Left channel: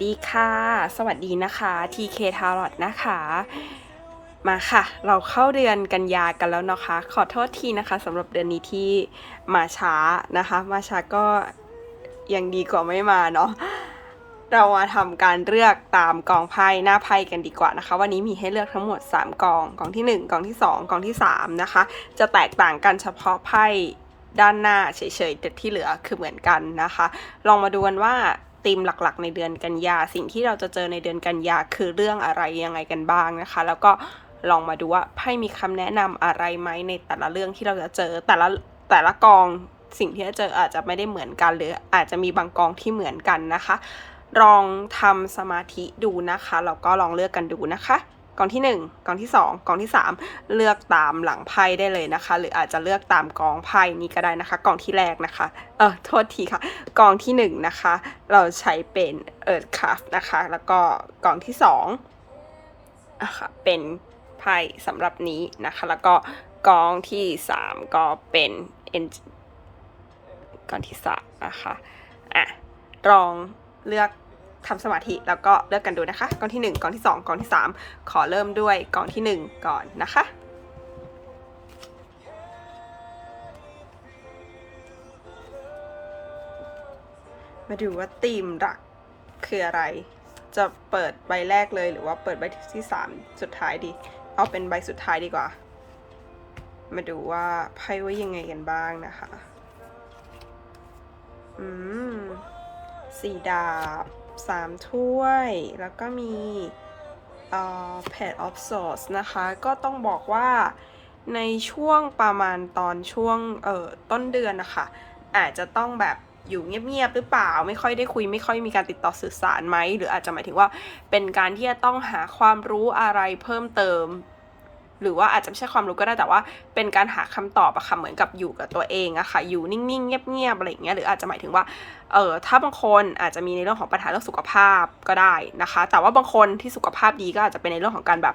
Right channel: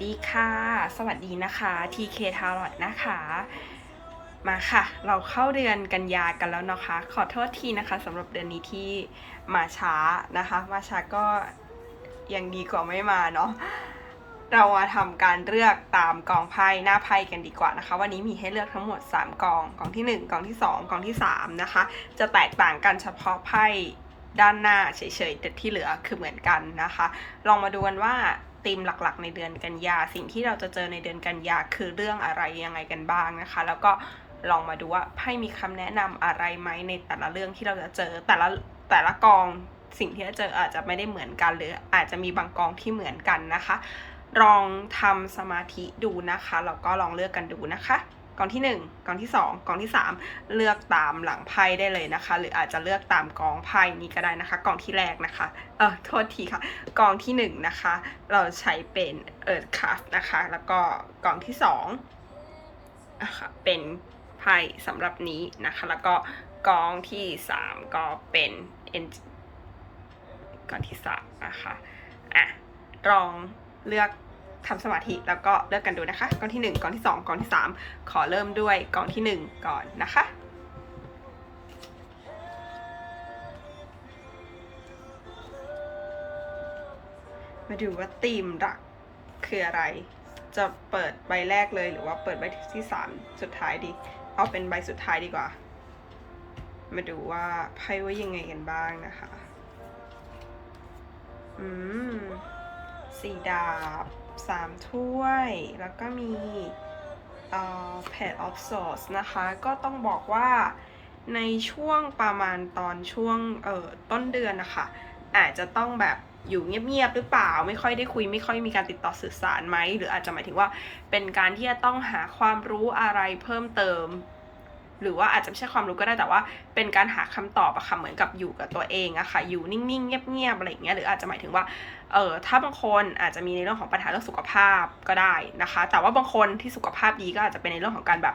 สวัสดีค่ะ สวัสดีนะคะ TK Tarot นะคะ มาค่ะ เราเข้าเดือนกันยากันแล้วนะคะ ขอโทษทีนะคะสำหรับเดือนนี้ที่มาช้านะคะ มาช้าก็ยังดีกว่าไม่มาเนาะ เรามาทำการเลือกตามกองไพ่หน้าไพ่กันดีกว่านะคะ วันนี้มีให้เลือกทั้งหมด 3 กอง กองที่ 1 กองที่ 2 กองที่ 3 นะคะ จะแตกต่างกันเฉพาะไพ่ด้านหน้าเฉยๆแต่ที่เหลือคือเหมือนกันนะคะ ลองมาดูกันว่า ธีมหลักๆ ในเดือนกันยา สิ่งที่เราจะเจอในเดือนกันยาคือเรื่องอะไรยังไงกันบ้างนะคะ แล้วก็ลองมาดูว่าไพ่มีคำแนะนำอะไรไหมในแต่ละเรื่องที่เราจะเจอแต่ละแต่ละกองสิ่งที่จะเจออาจจะไม่ได้เหมือนกัน หรืออาจจะมีบางกองที่เหมือนกันนะคะลองทำสมาธิดูนะคะแล้วก็ลองเลือกกันดูนะคะ กองที่ 1 กองที่ 2 กองที่ 3 เลือกตามหลังไพ่ได้เลยนะคะ หรืออาจจะเลือกตามกองไพ่นี้ก็ได้นะคะ กองที่แรกนะคะ เออโทษทีค่ะ กองที่1นะคะ เราใช้เป็นเอิร์ธคัฟนะคะ แล้วก็กองที่2อะค่ะเป็นไพ่สำหรับนี้นะคะ แล้วก็กองที่ 3 ก็เป็นเอ็นกองที่สามนะคะ อะลองเลือก ทำสมาธิแล้วก็เลือกกันดูนะคะกองที่ 1กองที่ 2กองที่ 3 ขอเริ่มด้วยกองที่ 1 ก่อนนะคะมาดูว่าธีมหลักคืออะไร จะเปิดใบแรกเลยหรือว่าเปิดใบที่3สุดท้ายดี เอาเป็นใบสุดท้ายดีกว่า มาดูว่าไพ่ว่ายังไงกันบ้างนะคะ อืม สี่ดาบ สามถ้วย แล้วก็มีเอ่อ Page of Swords นะคะ ก็ต้องบอกว่าในช่วงประมาณตอนช่วงเอ่อต้นเดือนนะคะอาจจะต้องแบบอยู่เงียบๆหรือเปล่า ไม่ค่อยได้คุย ไม่ค่อยมีการติดต่อสื่อสารไหม หรืออาจจะหมายถึงว่าเป็นการที่จะต้องหาความรู้อะไรเพิ่มเติม หรือว่าอาจจะไม่ใช่ความรู้ก็ได้แต่ว่า เป็นการหาคำตอบอะค่ะเหมือนกับอยู่กับตัวเองอะค่ะอยู่นิ่งๆเงียบๆอะไรอย่างเงี้ยหรืออาจจะหมายถึงว่าเออถ้าบางคนอาจจะมีในเรื่องของปัญหาเรื่องสุขภาพก็ได้นะคะ แต่ว่าบางคนที่สุขภาพดีก็อาจจะเป็นในเรื่องของการแบบ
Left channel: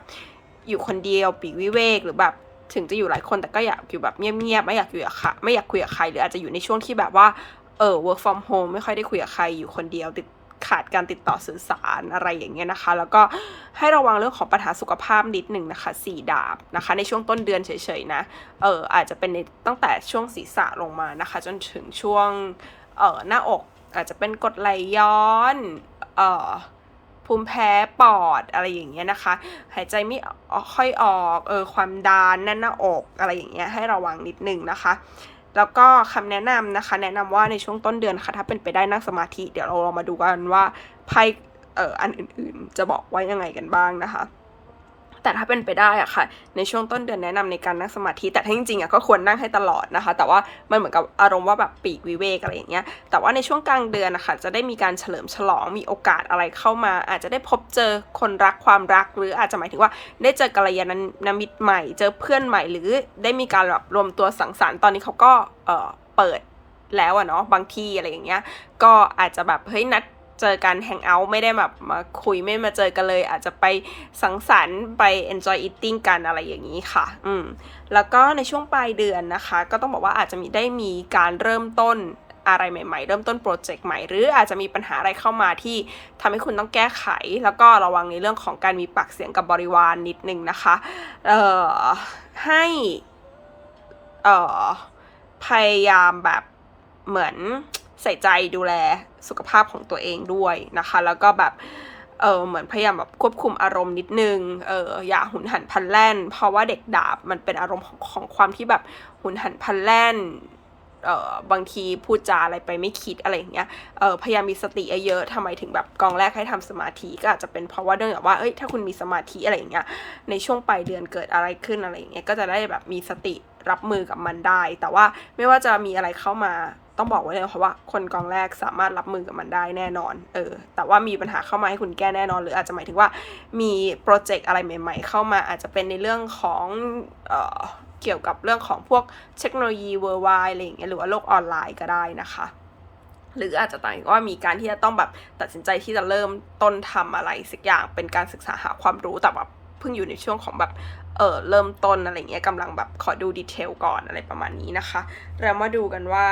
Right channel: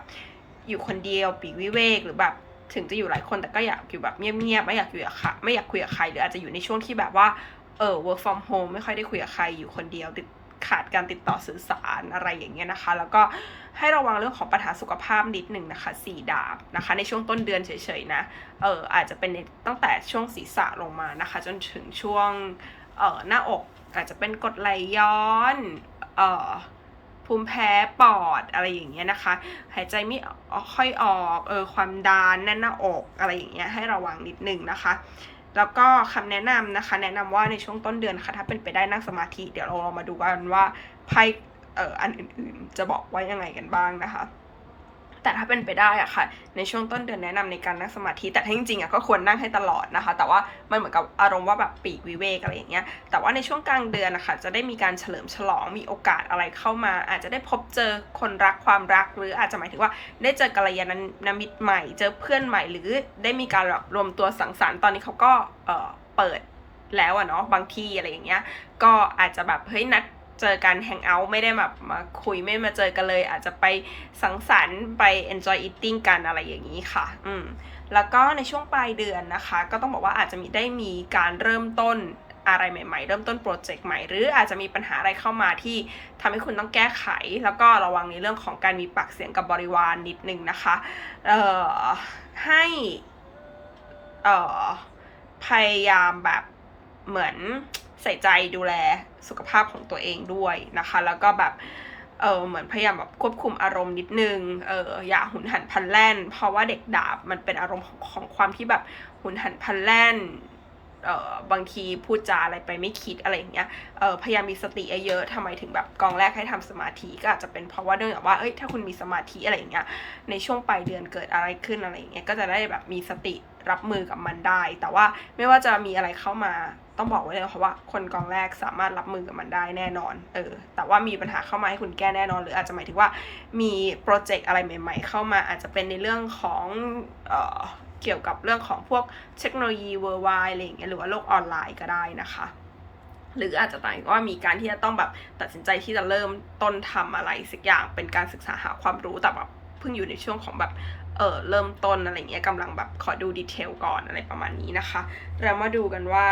อยู่คนเดียวปีกวิเวกหรือแบบถึงจะอยู่หลายคนแต่ก็อยากอยู่แบบเงียบๆไม่อยากอยู่กับใครไม่อยากคุยกับใครหรืออาจจะอยู่ในช่วงที่แบบว่าเออ work from home ไม่ค่อยได้คุยกับใครอยู่คนเดียวติด ขาดการติดต่อสื่อสารอะไรอย่างเงี้ยนะคะ แล้วก็ให้ระวังเรื่องของปัญหาสุขภาพนิดหนึ่งนะคะสี่ดาบนะคะ ในช่วงต้นเดือนเฉยๆนะเอออาจจะเป็นในตั้งแต่ช่วงศีรษะลงมานะคะ จนถึงช่วงเออหน้าอกอาจจะเป็นกดไหลย้อนเออภูมิแพ้ปอดอะไรอย่างเงี้ยนะคะ หายใจไม่ค่อยออกเออความดันแน่นหน้าอกอะไรอย่างเงี้ยให้ระวังนิดนึงนะคะ แล้วก็คำแนะนำนะคะ แนะนำว่าในช่วงต้นเดือนค่ะ ถ้าเป็นไปได้นั่งสมาธิ เดี๋ยวเราลองมาดูกันว่าไพ่เอ่ออันอื่นๆ จะบอกว่ายังไงกันบ้างนะคะ แต่ถ้าเป็นไปได้อะค่ะ ในช่วงต้นเดือนแนะนำในการนั่งสมาธิ แต่ถ้าจริงๆอะก็ควรนั่งให้ตลอดนะคะ แต่ว่ามันเหมือนกับอารมณ์ว่าแบบปีกวิเวกอะไรอย่างเงี้ย แต่ว่าในช่วงกลางเดือนนะคะจะได้มีการเฉลิมฉลอง มีโอกาสอะไรเข้ามา อาจจะได้พบเจอคนรักความรัก หรืออาจจะหมายถึงว่าได้เจอกัลยาณมิตรใหม่ เจอเพื่อนใหม่ หรือได้มีการแบบรวมตัวสังสรรค์ ตอนนี้เขาก็เออเปิดแล้วอะเนาะบางที่อะไรอย่างเงี้ย ก็อาจจะแบบเฮ้ยนัด เจอกันแฮงเอาท์ไม่ได้แบบมาคุยไม่มาเจอกันเลย อาจจะไปสังสรรค์ไป enjoy eating กันอะไรอย่างนี้ค่ะ อืมแล้วก็ในช่วงปลายเดือนนะคะ ก็ต้องบอกว่าอาจจะมีได้มีการเริ่มต้นอะไรใหม่ ๆ เริ่มต้นโปรเจกต์ใหม่ หรืออาจจะมีปัญหาอะไรเข้ามาที่ทำให้คุณต้องแก้ไข แล้วก็ระวังในเรื่องของการมีปากเสียงกับบริวารนนิดนึงนะคะ เอ่อ ให้ เอ่อ พยายามแบบเหมือน ใส่ใจดูแลสุขภาพของตัวเองด้วยนะคะ แล้วก็แบบเออเหมือนพยายามแบบควบคุมอารมณ์นิดนึงเอออย่าหุนหันพันแล่น เพราะว่าเด็กดาบมันเป็นอารมณ์ของของความที่แบบหุนหันพันแล่นเออบางทีพูดจาอะไรไปไม่คิดอะไรอย่างเงี้ยเออพยายามมีสติเยอะๆทำไมถึงแบบกองแรกให้ทำสมาธิก็อาจจะเป็นเพราะว่าเนื่องจากว่าเอ้ยถ้าคุณมีสมาธิอะไรอย่างเงี้ยในช่วงปลายเดือนเกิดอะไรขึ้นอะไรอย่างเงี้ยก็จะได้แบบมีสติรับมือกับมันได้ แต่ว่าไม่ว่าจะมีอะไรเข้ามา ต้องบอกไว้เลยค่ะว่า คนกองแรกสามารถรับมือกับมันได้แน่นอน เออ แต่ว่ามีปัญหาเข้ามาให้คุณแก้แน่นอน หรืออาจจะหมายถึงว่ามีโปรเจกต์อะไรใหม่ ๆ เข้ามาอาจจะเป็นในเรื่องของเอ่อเกี่ยวกับเรื่องของพวกเทคโนโลยีเวอร์ไวอะไรอย่างเงี้ยหรือว่าโลกออนไลน์ก็ได้นะคะหรืออาจจะต่างว่ามีการที่จะต้องแบบตัดสินใจที่จะเริ่มต้นทำอะไรสักอย่างเป็นการศึกษาหาความรู้แต่แบบเพิ่งอยู่ในช่วงของแบบเออเริ่มต้นอะไรเงี้ยกำลังแบบขอดูดีเทลก่อนอะไรประมาณนี้นะคะ เรามาดูกันว่า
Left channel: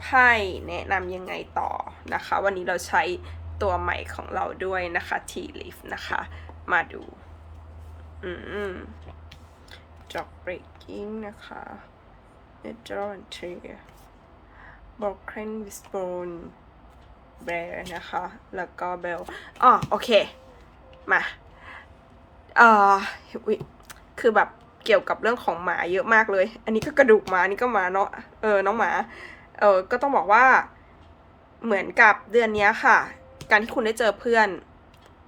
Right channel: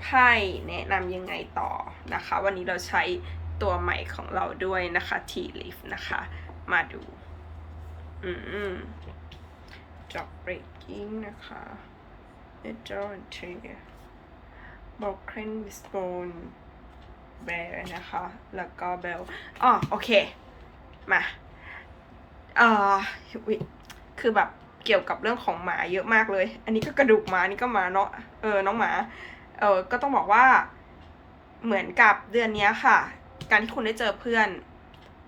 ไพ่แนะนำยังไงต่อนะคะ วันนี้เราใช้ตัวใหม่ของเราด้วยนะคะ T leaf นะคะ มาดู อืม job breaking นะคะ n a t u r a l tree broken wishbone bear นะคะ แล้วก็ bell อ๋อโอเค มาเอ่อคือแบบเกี่ยวกับเรื่องของหมาเยอะมากเลย อันนี้ก็กระดูกหมานนี่ก็หมาเนาะ เออ น้องหมา เออก็ต้องบอกว่าเหมือนกับเดือนนี้ค่ะ การที่คุณได้เจอเพื่อน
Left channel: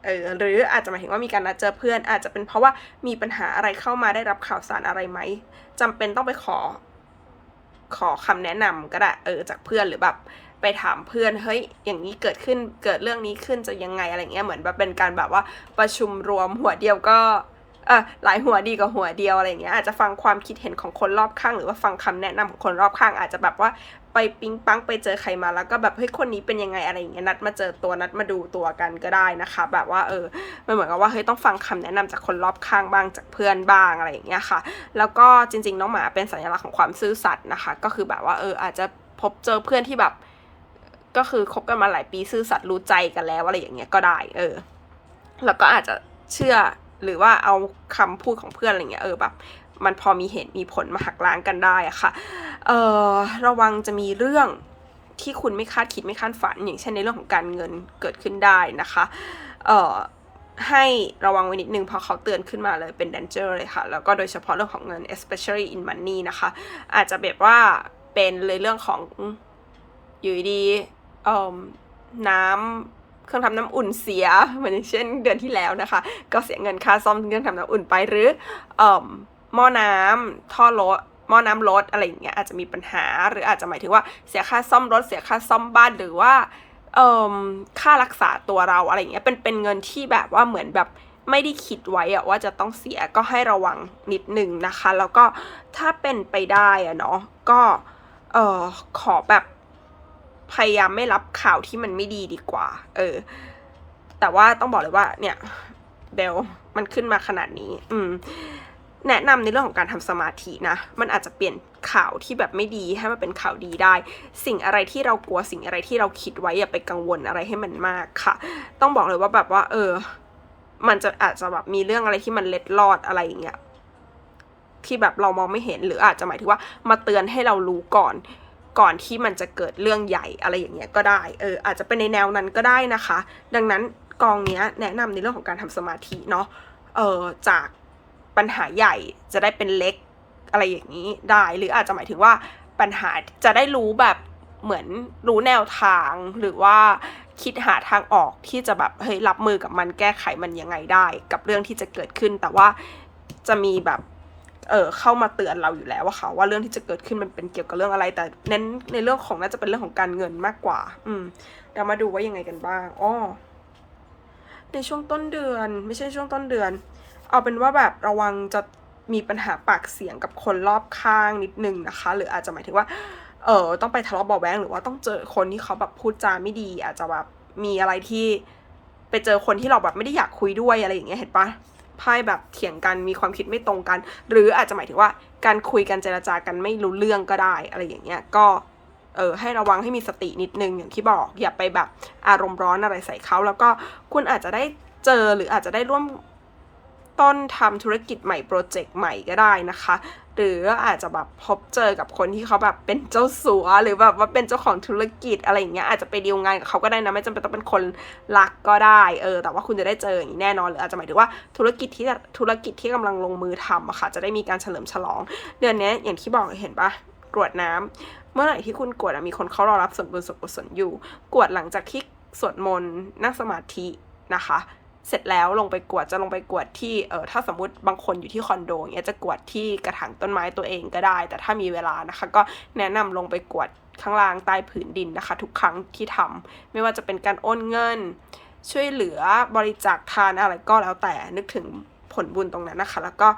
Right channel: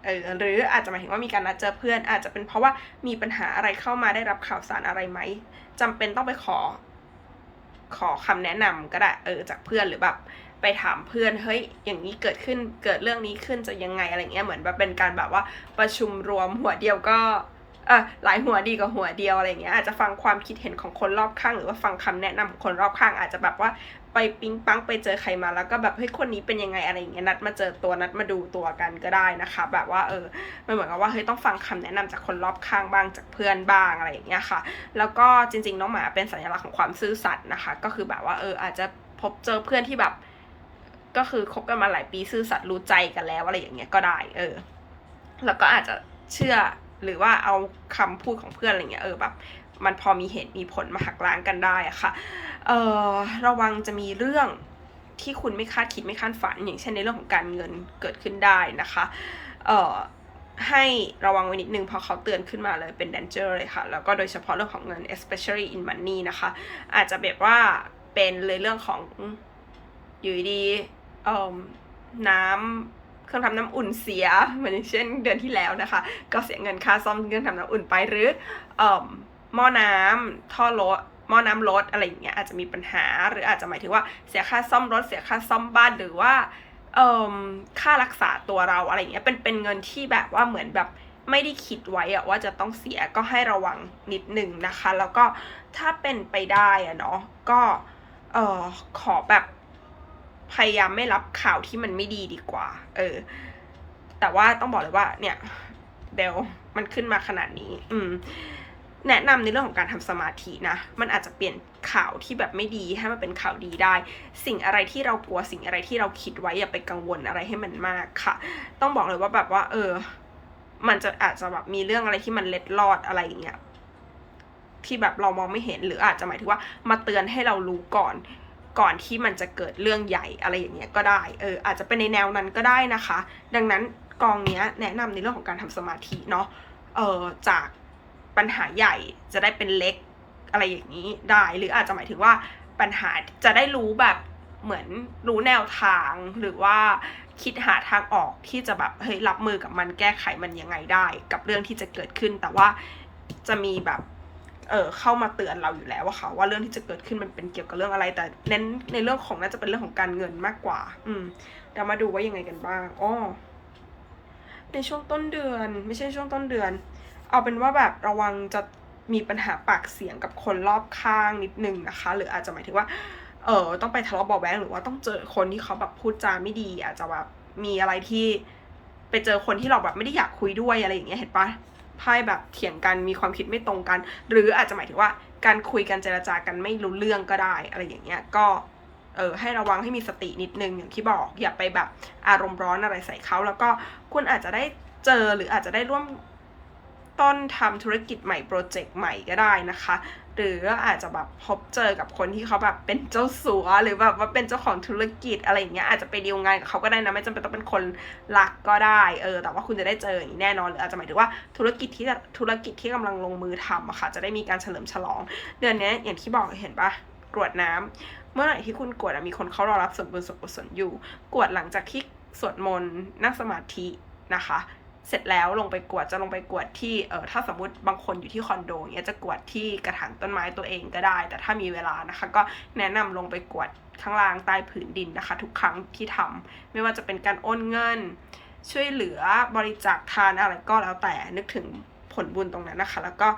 เออหรืออาจจะหมายถึงว่ามีการนัดเจอเพื่อน อาจจะเป็นเพราะว่ามีปัญหาอะไรเข้ามาได้รับข่าวสารอะไรไหมจำเป็นต้องไปขอ ขอคำแนะนำก็ได้เออจากเพื่อนหรือแบบไปถามเพื่อนเฮ้ยอย่างนี้เกิดขึ้นเกิดเรื่องนี้ขึ้นจะยังไงอะไรเงี้ยเหมือนแบบเป็นการแบบว่าประชุมรวมหัวเดียวก็เออหลายหัวดีกว่าหัวเดียวอะไรเงี้ยอาจจะฟังความคิดเห็นของคนรอบข้าง หรือว่าฟังคำแนะนำของคนรอบข้าง อาจจะแบบว่า ไปปิ๊งปังไปเจอใครมาแล้วก็แบบเฮ้ยคนนี้เป็นยังไงอะไรอย่างเงี้ยนัดมาเจอตัวนัดมาดูตัวกันก็ได้นะคะ แบบว่าเออมันเหมือนกับว่าเฮ้ยต้องฟังคำแนะนำจากคนรอบข้างบ้างจากเพื่อนบ้างอะไรอย่างเงี้ยค่ะ แล้วก็จริง ๆ น้องหมาเป็นสัญลักษณ์ของความซื่อสัตย์นะคะ ก็คือแบบว่าเอออาจจะพบเจอเพื่อนที่แบบก็คือคบกันมาหลายปีซื่อสัตย์รู้ใจกันแล้วอะไรอย่างเงี้ยก็ได้ เออ แล้วก็อาจจะเชื่อหรือว่าเอาคำพูดของเพื่อนอะไรเงี้ยเออแบบ มันพอมีเหตุมีผลมาหักล้างกันได้อะค่ะเออระวังจะมีเรื่องที่คุณไม่คาดคิดไม่คาดฝัน อย่างเช่นในเรื่องของการเงินเกิดขึ้นได้นะคะเอ่อให้ระวังไว้นิดนึงเพราะเขาเตือนขึ้นมาเลยเป็น danger เลยค่ะ แล้วก็โดยเฉพาะเรื่องของเงิน especially in money นะคะ อาจจะแบบว่าเป็นเลยเรื่องของอยู่ดีเอ่อน้ำเครื่องทำน้ำอุ่นเสียเหมือนเช่นเดือนที่แล้วนะคะ ก็เสียเงินค่าซ่อมเครื่องทำน้ำอุ่นไปหรือเอ่อ หม้อน้ำท่อรถหม้อน้ำรถอะไรอย่างเงี้ยอาจจะมีปัญหา หรืออาจจะหมายถึงว่าเสียค่าซ่อมรถเสียค่าซ่อมบ้านหรือว่าเอ่อค่ารักษาตัวเราอะไรอย่างเงี้ยเป็นเป็นเงินที่แบบว่าเหมือนแบบไม่ได้คิดไว้อะว่าจะต้องเสียก็ให้ระวังนิดนึงนะคะ แล้วก็ถ้าเป็นไปได้อะเนาะก็เอ่อขอแบบพยายามไม่รับข่าวที่มันไม่ดีดีกว่า เออ แต่ว่าต้องบอกเลยว่า เนี่ยเบลมันขึ้นมาขนาดนี้ อืม แนะนำในเรื่องของการทำสมาธินะ มันอาจจะเปลี่ยนข่าวที่แบบไม่ดีให้มันเป็นข่าวดีได้ สิ่งอะไรที่เรากลัวสิ่งอะไรที่เราคิดไว้อย่าไปกังวลอะไรให้มันมากค่ะ ต้องบอกเลยว่าแบบว่า เออ มันจะอาจจะแบบมีเรื่องอะไรที่มันเล็ดลอดอะไรอย่างเงี้ยที่แบบเรามองไม่เห็นหรืออาจจะหมายถึงว่ามาเตือนให้เรารู้ก่อนก่อนที่มันจะเกิดเรื่องใหญ่อะไรอย่างเงี้ยก็ได้ เออ อาจจะเป็นในแนวนั้นก็ได้นะคะ ดังนั้นกองเนี้ยแนะนำในเรื่องของการทำสมาธิเนาะ เออจาก ปัญหาใหญ่จะได้เป็นเล็กอะไรอย่างนี้ได้ หรืออาจจะหมายถึงว่าปัญหาจะได้รู้แบบเหมือนรู้แนวทางหรือว่าคิดหาทางออกที่จะแบบเฮ้ยรับมือกับมันแก้ไขมันยังไงได้ กับเรื่องที่จะเกิดขึ้น แต่ว่าจะมีแบบเออเข้ามาเตือนเราอยู่แล้วว่าค่ะว่าเรื่องที่จะเกิดขึ้นมันเป็นเกี่ยวกับเรื่องอะไร แต่เน้นในเรื่องของน่าจะเป็นเรื่องของการเงินมากกว่า อืมเดี๋ยวมาดูว่ายังไงกันบ้างอ้อในช่วงต้นเดือน ไม่ใช่ช่วงต้นเดือน เอาเป็นว่าแบบระวังจะมีปัญหาปากเสียงกับคนรอบข้างนิดนึงนะคะ หรืออาจจะหมายถึงว่า เออต้องไปทะเลาะเบาะแว้งหรือว่าต้องเจอคนที่เขาแบบพูดจาไม่ดี อาจจะแบบมีอะไรที่ไปเจอคนที่เราแบบไม่ได้อยากคุยด้วยอะไรอย่างเงี้ยเห็นปะไพ่แบบเถียงกันมีความคิดไม่ตรงกัน หรืออาจจะหมายถึงว่าการคุยกันเจรจากันไม่รู้เรื่องก็ได้อะไรอย่างเงี้ยก็เออให้ระวังให้มีสตินิดนึงอย่างที่บอกอย่าไปแบบอารมณ์ร้อนอะไรใส่เขาแล้วก็คุณอาจจะได้เจอหรืออาจจะได้ร่วม ต้นทำธุรกิจใหม่โปรเจกต์ใหม่ก็ได้นะคะ หรืออาจจะแบบพบเจอกับคนที่เขาแบบเป็นเจ้าสัว หรือแบบว่าเป็นเจ้าของธุรกิจอะไรอย่างเงี้ยอาจจะไปดีลงานกับเขาก็ได้นะไม่จำเป็นต้องเป็นคนรักก็ได้เออแต่ว่าคุณจะได้เจออย่างนี้แน่นอนหรืออาจจะหมายถึงว่าธุรกิจที่ธุรกิจที่กำลังลงมือทำอะค่ะจะได้มีการเฉลิมฉลอง เดือนนี้อย่างที่บอกเห็นปะกรวดน้ำเมื่อไหร่ที่คุณกรวดมีคนเขารอรับส่วนบุญส่วนกุศลอยู่กรวดหลังจากที่สวดมนต์นั่งสมาธินะคะ เสร็จแล้วลงไปกวดจะลงไปกวดที่เออถ้าสมมติบางคนอยู่ที่คอนโดอย่างเงี้ยจะกวดที่กระถางต้นไม้ตัวเองก็ได้ แต่ถ้ามีเวลานะคะ ก็แนะนำลงไปกวดข้างล่างใต้ผืนดินนะคะ ทุกครั้งที่ทำไม่ว่าจะเป็นการโอนเงิน ช่วยเหลือบริจาคทานอะไรก็แล้วแต่นึกถึงผลบุญตรงนั้นนะคะ แล้วก็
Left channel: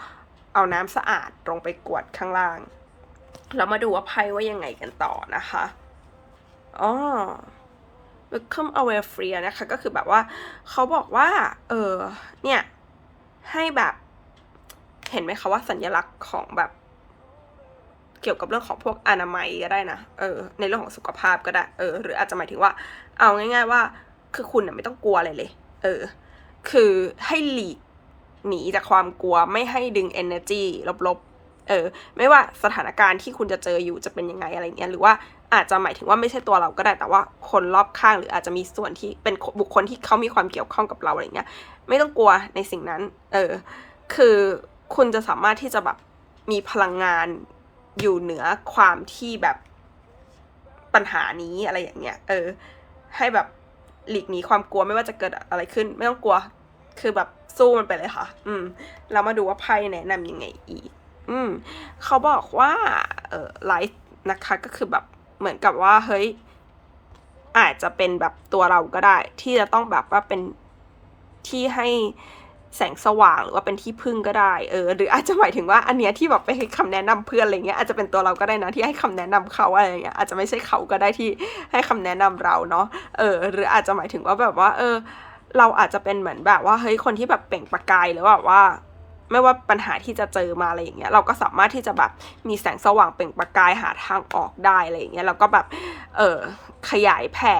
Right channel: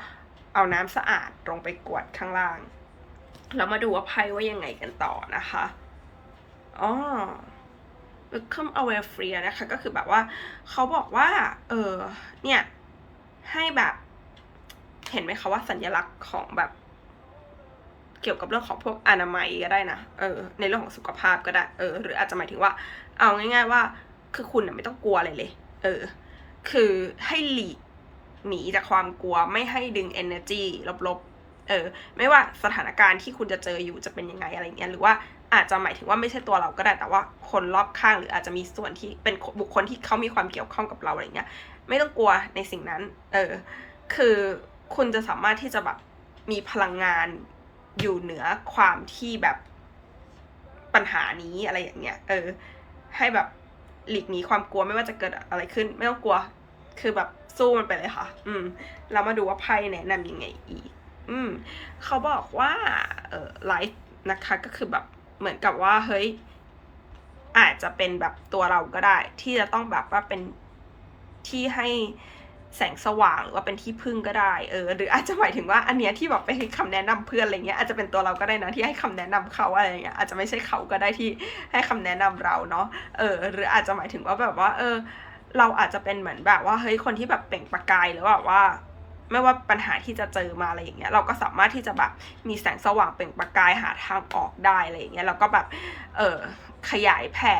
เอาน้ำสะอาดลงไปกวดข้างล่างแล้วมาดูว่าไพ่ว่ายังไงกันต่อนะคะอ๋อ welcome away free นะคะ ก็คือแบบว่าเขาบอกว่า เออเนี่ย ให้แบบ เห็นไหมคะว่าสัญลักษณ์ของแบบ เกี่ยวกับเรื่องของพวกอนามัยก็ได้นะ เออ ในเรื่องของสุขภาพก็ได้ เออ หรืออาจจะหมายถึงว่า เอาง่าย ๆ ว่า คือคุณอะไม่ต้องกลัวอะไรเลย เออ คือให้หลีกหนีจากความกลัวไม่ให้ดึง energy ลบๆ เออ ไม่ว่าสถานการณ์ที่คุณจะเจออยู่จะเป็นยังไงอะไรเงี้ย หรือว่า อาจจะหมายถึงว่าไม่ใช่ตัวเราก็ได้แต่ว่าคนรอบข้างหรืออาจจะมีส่วนที่เป็นบุคคลที่เขามีความเกี่ยวข้องกับเราอะไรเงี้ย ไม่ต้องกลัวในสิ่งนั้น เออ คือคุณจะสามารถที่จะแบบมีพลังงานอยู่เหนือความที่แบบปัญหานี้อะไรอย่างเงี้ย เออ ให้แบบหลีกหนีความกลัวไม่ว่าจะเกิดอะไรขึ้น ไม่ต้องกลัว คือแบบสู้มันไปเลยค่ะ อืม แล้วมาดูว่าไพ่แนะนำยังไงอีก อืม เขาบอกว่า เออไลฟ์นะคะก็คือแบบ เหมือนกับว่าเฮ้ยอาจจะเป็นแบบตัวเราก็ได้ ที่จะต้องแบบว่าเป็นที่ให้แสงสว่างหรือว่าเป็นที่พึ่งก็ได้เออหรืออาจจะหมายถึงว่าอันเนี้ยที่แบบไปให้คำแนะนำเพื่อนอะไรเงี้ยอาจจะเป็นตัวเราก็ได้นะที่ให้คำแนะนำเขาอะไรเงี้ยอาจจะไม่ใช่เขาก็ได้ที่ให้คำแนะนำเราเนาะเออ หรืออาจจะหมายถึงว่าแบบว่า เออ เราอาจจะเป็นเหมือนแบบว่าเฮ้ยคนที่แบบเปล่งประกายหรือแบบว่า ไม่ว่าปัญหาที่จะเจอมาอะไรอย่างเงี้ยเราก็สามารถที่จะแบบมีแสงสว่างเปล่งประกายหาทางออกได้อะไรอย่างเงี้ยแล้วก็แบบเออขยายแผ่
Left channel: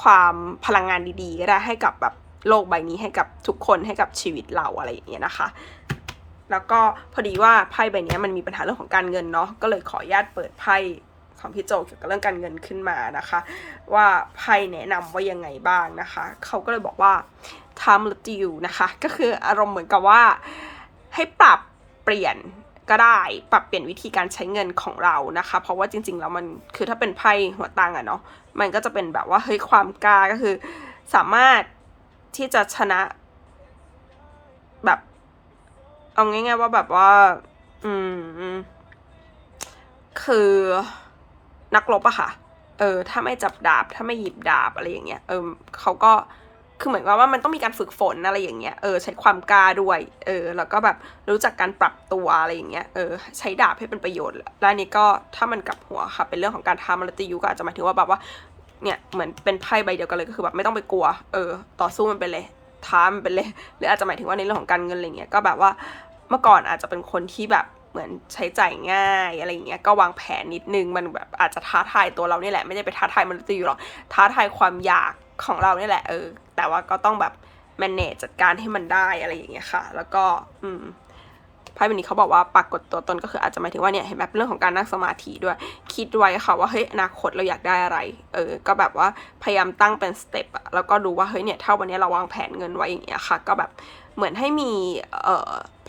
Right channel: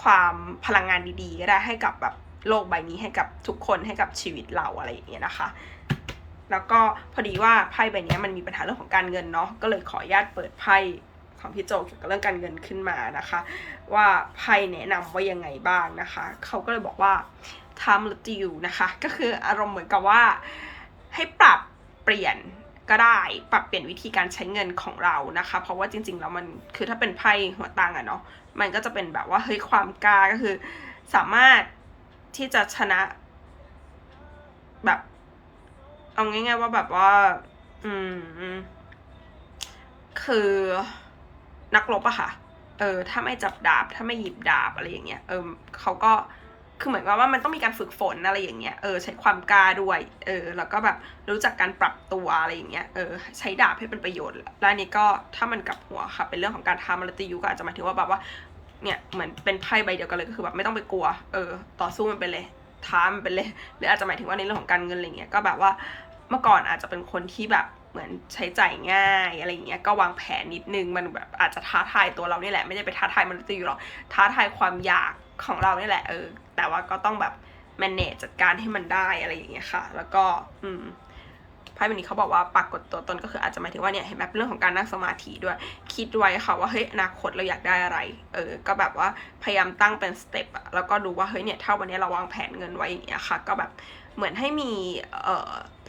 ความพลังงานดีๆก็ได้ให้กับแบบโลกใบนี้ให้กับทุกคนให้กับชีวิตเราอะไรอย่างเงี้ยนะคะ แล้วก็พอดีว่าไพ่ใบนี้มันมีปัญหาเรื่องของการเงินเนาะก็เลยขออนุญาตเปิดไพ่ของพี่โจเกี่ยวกับเรื่องการเงินขึ้นมานะคะ ว่าไพ่แนะนำว่ายังไงบ้างนะคะ เขาก็เลยบอกว่า time l e you นะคะ ก็คืออารมณ์เหมือนกับว่า ให้ปรับเปลี่ยนก็ได้ปรับเปลี่ยนวิธีการใช้เงินของเรานะคะ เพราะว่าจริง ๆ แล้วมันคือถ้าเป็นไพ่หัวตังอะเนาะมันก็จะเป็นแบบว่าเฮ้ยความกล้าก็คือ สามารถที่จะชนะแบบเอาง่ายๆว่าแบบว่า อืม คือนักรบอะค่ะ เออ ถ้าไม่จับดาบ ถ้าไม่หยิบดาบอะไรอย่างเงี้ย เออเขาก็ คือเหมือนกับว่ามันต้องมีการฝึกฝนอะไรอย่างเงี้ย เออใช้ความกล้าด้วย เออ แล้วก็แบบรู้จักการปรับตัวอะไรอย่างเงี้ย เออใช้ดาบให้เป็นประโยชน์ แล้วนนี้ก็ถ้ามันกลับหัวค่ะ เป็นเรื่องของการทำมรติยุก็อาจจะหมายถึงว่าแบบว่า เนี่ยเหมือนเป็นไพ่ใบเดียวกันเลยก็คือแบบไม่ต้องไปกลัว เออ ต่อสู้มันไปเลยท้ามันไปเลย หรืออาจจะหมายถึงว่าในเรื่องของการเงินอะไรเงี้ย ก็แบบว่าเมื่อก่อนอาจจะเป็นคนที่แบบเหมือนใช้จ่ายง่ายอะไรอย่างเงี้ยก็วางแผนนิดนึงมันแบบอาจจะท้าทายตัวเรานี่แหละไม่ได้ไปท้าทายมันุษย์อยู่หรอกท้าทายความอยากของเรานี่แหละเออ แต่ว่าก็ต้องแบบ manage จัดการให้มันได้อะไรอย่างเงี้ยค่ะ แล้วก็อืมไพ่ใบนี้เขาบอกว่าปรากฏตัวตนก็คืออาจจะหมายถึงว่าเนี่ยเห็นแบบเรื่องของการนั่งสมาธิด้วย คิดไว้ค่ะว่าเฮ้ยอนาคตเราอยากได้อะไร เออ ก็แบบว่าพยายามตั้งเป็นสเต็ปอะแล้วก็ดูว่าเฮ้ยเนี่ยถ้าวันนี้เราวางแผนเงินไว้อย่างเงี้ยค่ะ ก็แบบ เหมือนให้มี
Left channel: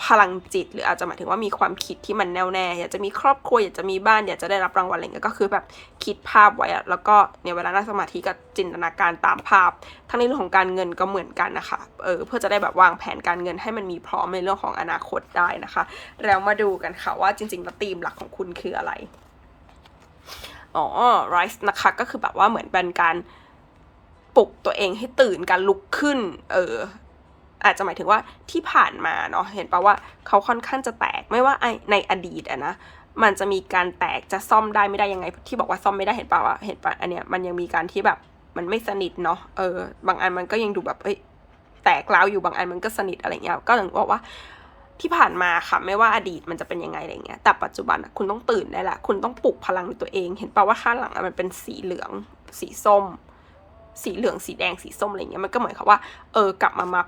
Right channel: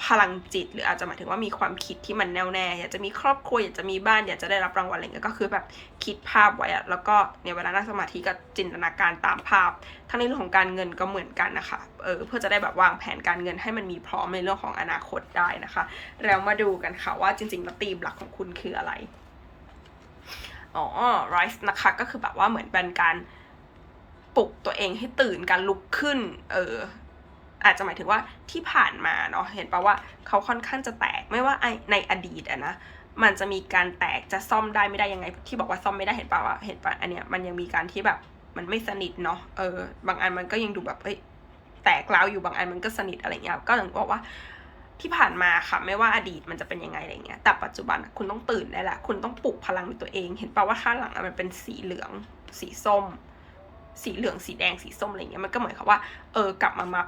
พลังจิต หรืออาจจะหมายถึงว่ามีความคิดที่มันแน่วแน่อยากจะมีครอบครัวอยากจะมีบ้านอยากจะได้รับรางวัลอะไรเงี้ยก็คือแบบคิดภาพไว้อะแล้วก็เนี่ยเวลานั่งสมาธิก็จินตนาการตามภาพ ทั้งในเรื่องของการเงินก็เหมือนกันนะคะเออเพื่อจะได้แบบวางแผนการเงินให้มันมีพร้อมในเรื่องของอนาคตได้นะคะเรามาดูกันค่ะว่าจริงๆแล้วธีมหลักของคุณคืออะไรอ๋อ rise นะคะก็คือแบบว่าเหมือนเป็นการปลุกตัวเองให้ตื่นการลุกขึ้น เออ อาจจะหมายถึงว่าที่ผ่านมาเนาะเห็นปะว่าเขาค่อนข้างจะแตกไม่ว่าไอในอดีตอะนะมันจะมีการแตกจะซ่อมได้ไม่ได้ยังไง ที่บอกว่าซ่อมไม่ได้เห็นปะว่าเห็นปะอันเนี้ยมันยังมีการที่แบบมันไม่สนิทเนาะเออบางอันมันก็ยังดูแบบเอ้ยแตกร้าวอยู่บางอันมันก็สนิทอะไรเงี้ยก็อย่างบอกว่าที่ผ่านมาค่ะไม่ว่าอดีตมันจะเป็นยังไงอะไรเงี้ยแต่ปัจจุบันคุณต้องตื่นได้ละคุณต้องปลุกพลังในตัวเอง เห็นปะว่าข้างหลังมันเป็นสีเหลือง สีส้ม สีเหลืองสีแดงสีส้มอะไรเงี้ยมันก็เหมือนกับว่า เออกลับมามา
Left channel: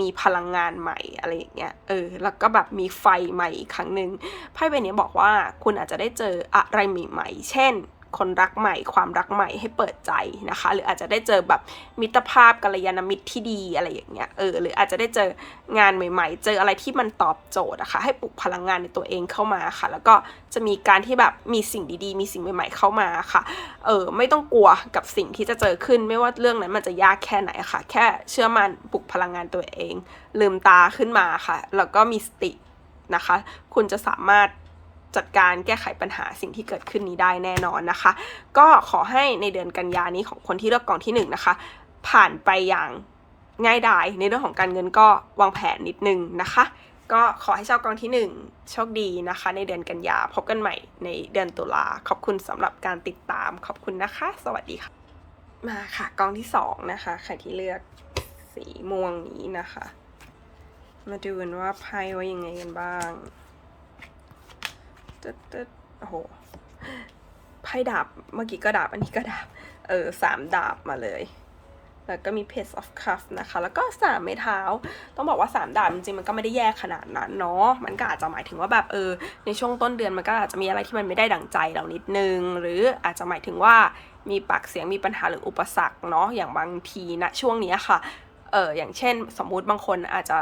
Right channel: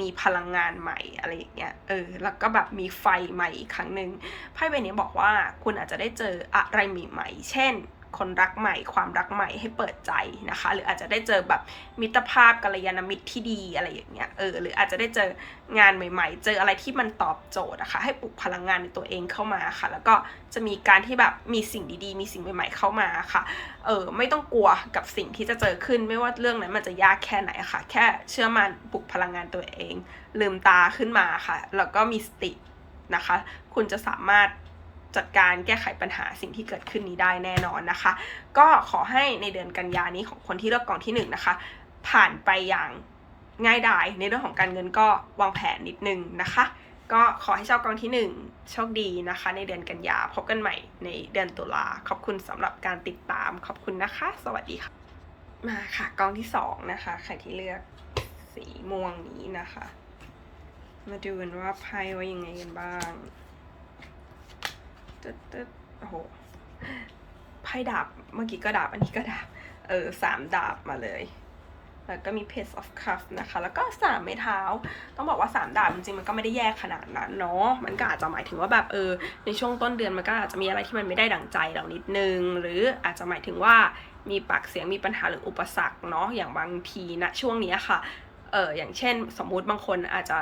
มีพลังงานใหม่อะไรอย่างเงี้ยเออแล้วก็แบบมีไฟใหม่อีกครั้งหนึ่งไพ่ใบนี้บอกว่าคุณอาจจะได้เจออะไรใหม่ๆ เช่น คนรักใหม่ ความรักใหม่ให้เปิดใจนะคะ หรืออาจจะได้เจอแบบมิตรภาพกัลยาณมิตรที่ดีอะไรอย่างเงี้ยเออหรืออาจจะได้เจองานใหม่ ๆ เจออะไรที่มันตอบโจทย์อะคะ่ะให้ปลุกพลังงานในตัวเองเข้ามาค่ะ แล้วก็จะมีการที่แบบมีสิ่งดีๆ มีสิ่งใหม่ ๆ เข้ามาค่ะเออไม่ต้องกลัวกับสิ่งที่จะเจอขึ้น ไม่ว่าเรื่องนั้นมันจะยากแค่ไหนค่ะ แค่เชื่อมันปลุกพลังงานตัวเอง ลืมตาขึ้นมาค่ะแล้วก็มีสตินะคะ คุณจะสามารถ จัดการแก้ไขปัญหาสิ่งที่เกิดขึ้นนี้ได้แน่นอนนะคะ ก็ขอให้ในเดือนกันยานี้ของคนที่เลือกกองที่หนึ่งนะคะ ผ่านไปอย่างง่ายดายในเรื่องของการเงินก็วางแผนนิดนึงนะคะ ก็ขอให้ชาวกองที่หนึ่งโชคดีนะคะ ในเดือนกันยาพบกันใหม่ในเดือนตุลาขอบคุณสำหรับการติดตามขอบคุณนะคะ สวัสดีค่ะ มาค่ะกองที่สองนะคะใครที่เลือกสีม่วงนี้นะคะ มาดูกันว่าไพ่ว่ายังไงกันบ้าง ตึ๊ดตึ๊ดโอ้โหไพ่ดาบเมื่อกี้ก็ดาบอันนี้ก็ดาบ เออสามดาบมาเลย แล้วก็มี Page of Cups นะคะ แล้วก็สามไม้เท้า ต้องบอกว่าสามดาบจริงๆมันก็ไม่ได้แย่ขนาดนั้นเนาะ มันก็อาจจะหมายถึงว่าแบบเออ ในช่วงต้นเดือนมันก็อาจจะมีอะไรที่มันไม่ได้ดั่งใจเรานิดนึง หรืออาจจะหมายถึงว่ามีปากเสียงมีปัญหาหรืออุปสรรคเนาะ อย่างบางทีนะช่วงนี้ค่ะ เอออย่างเช่น สมมุติบางคนอาจจะ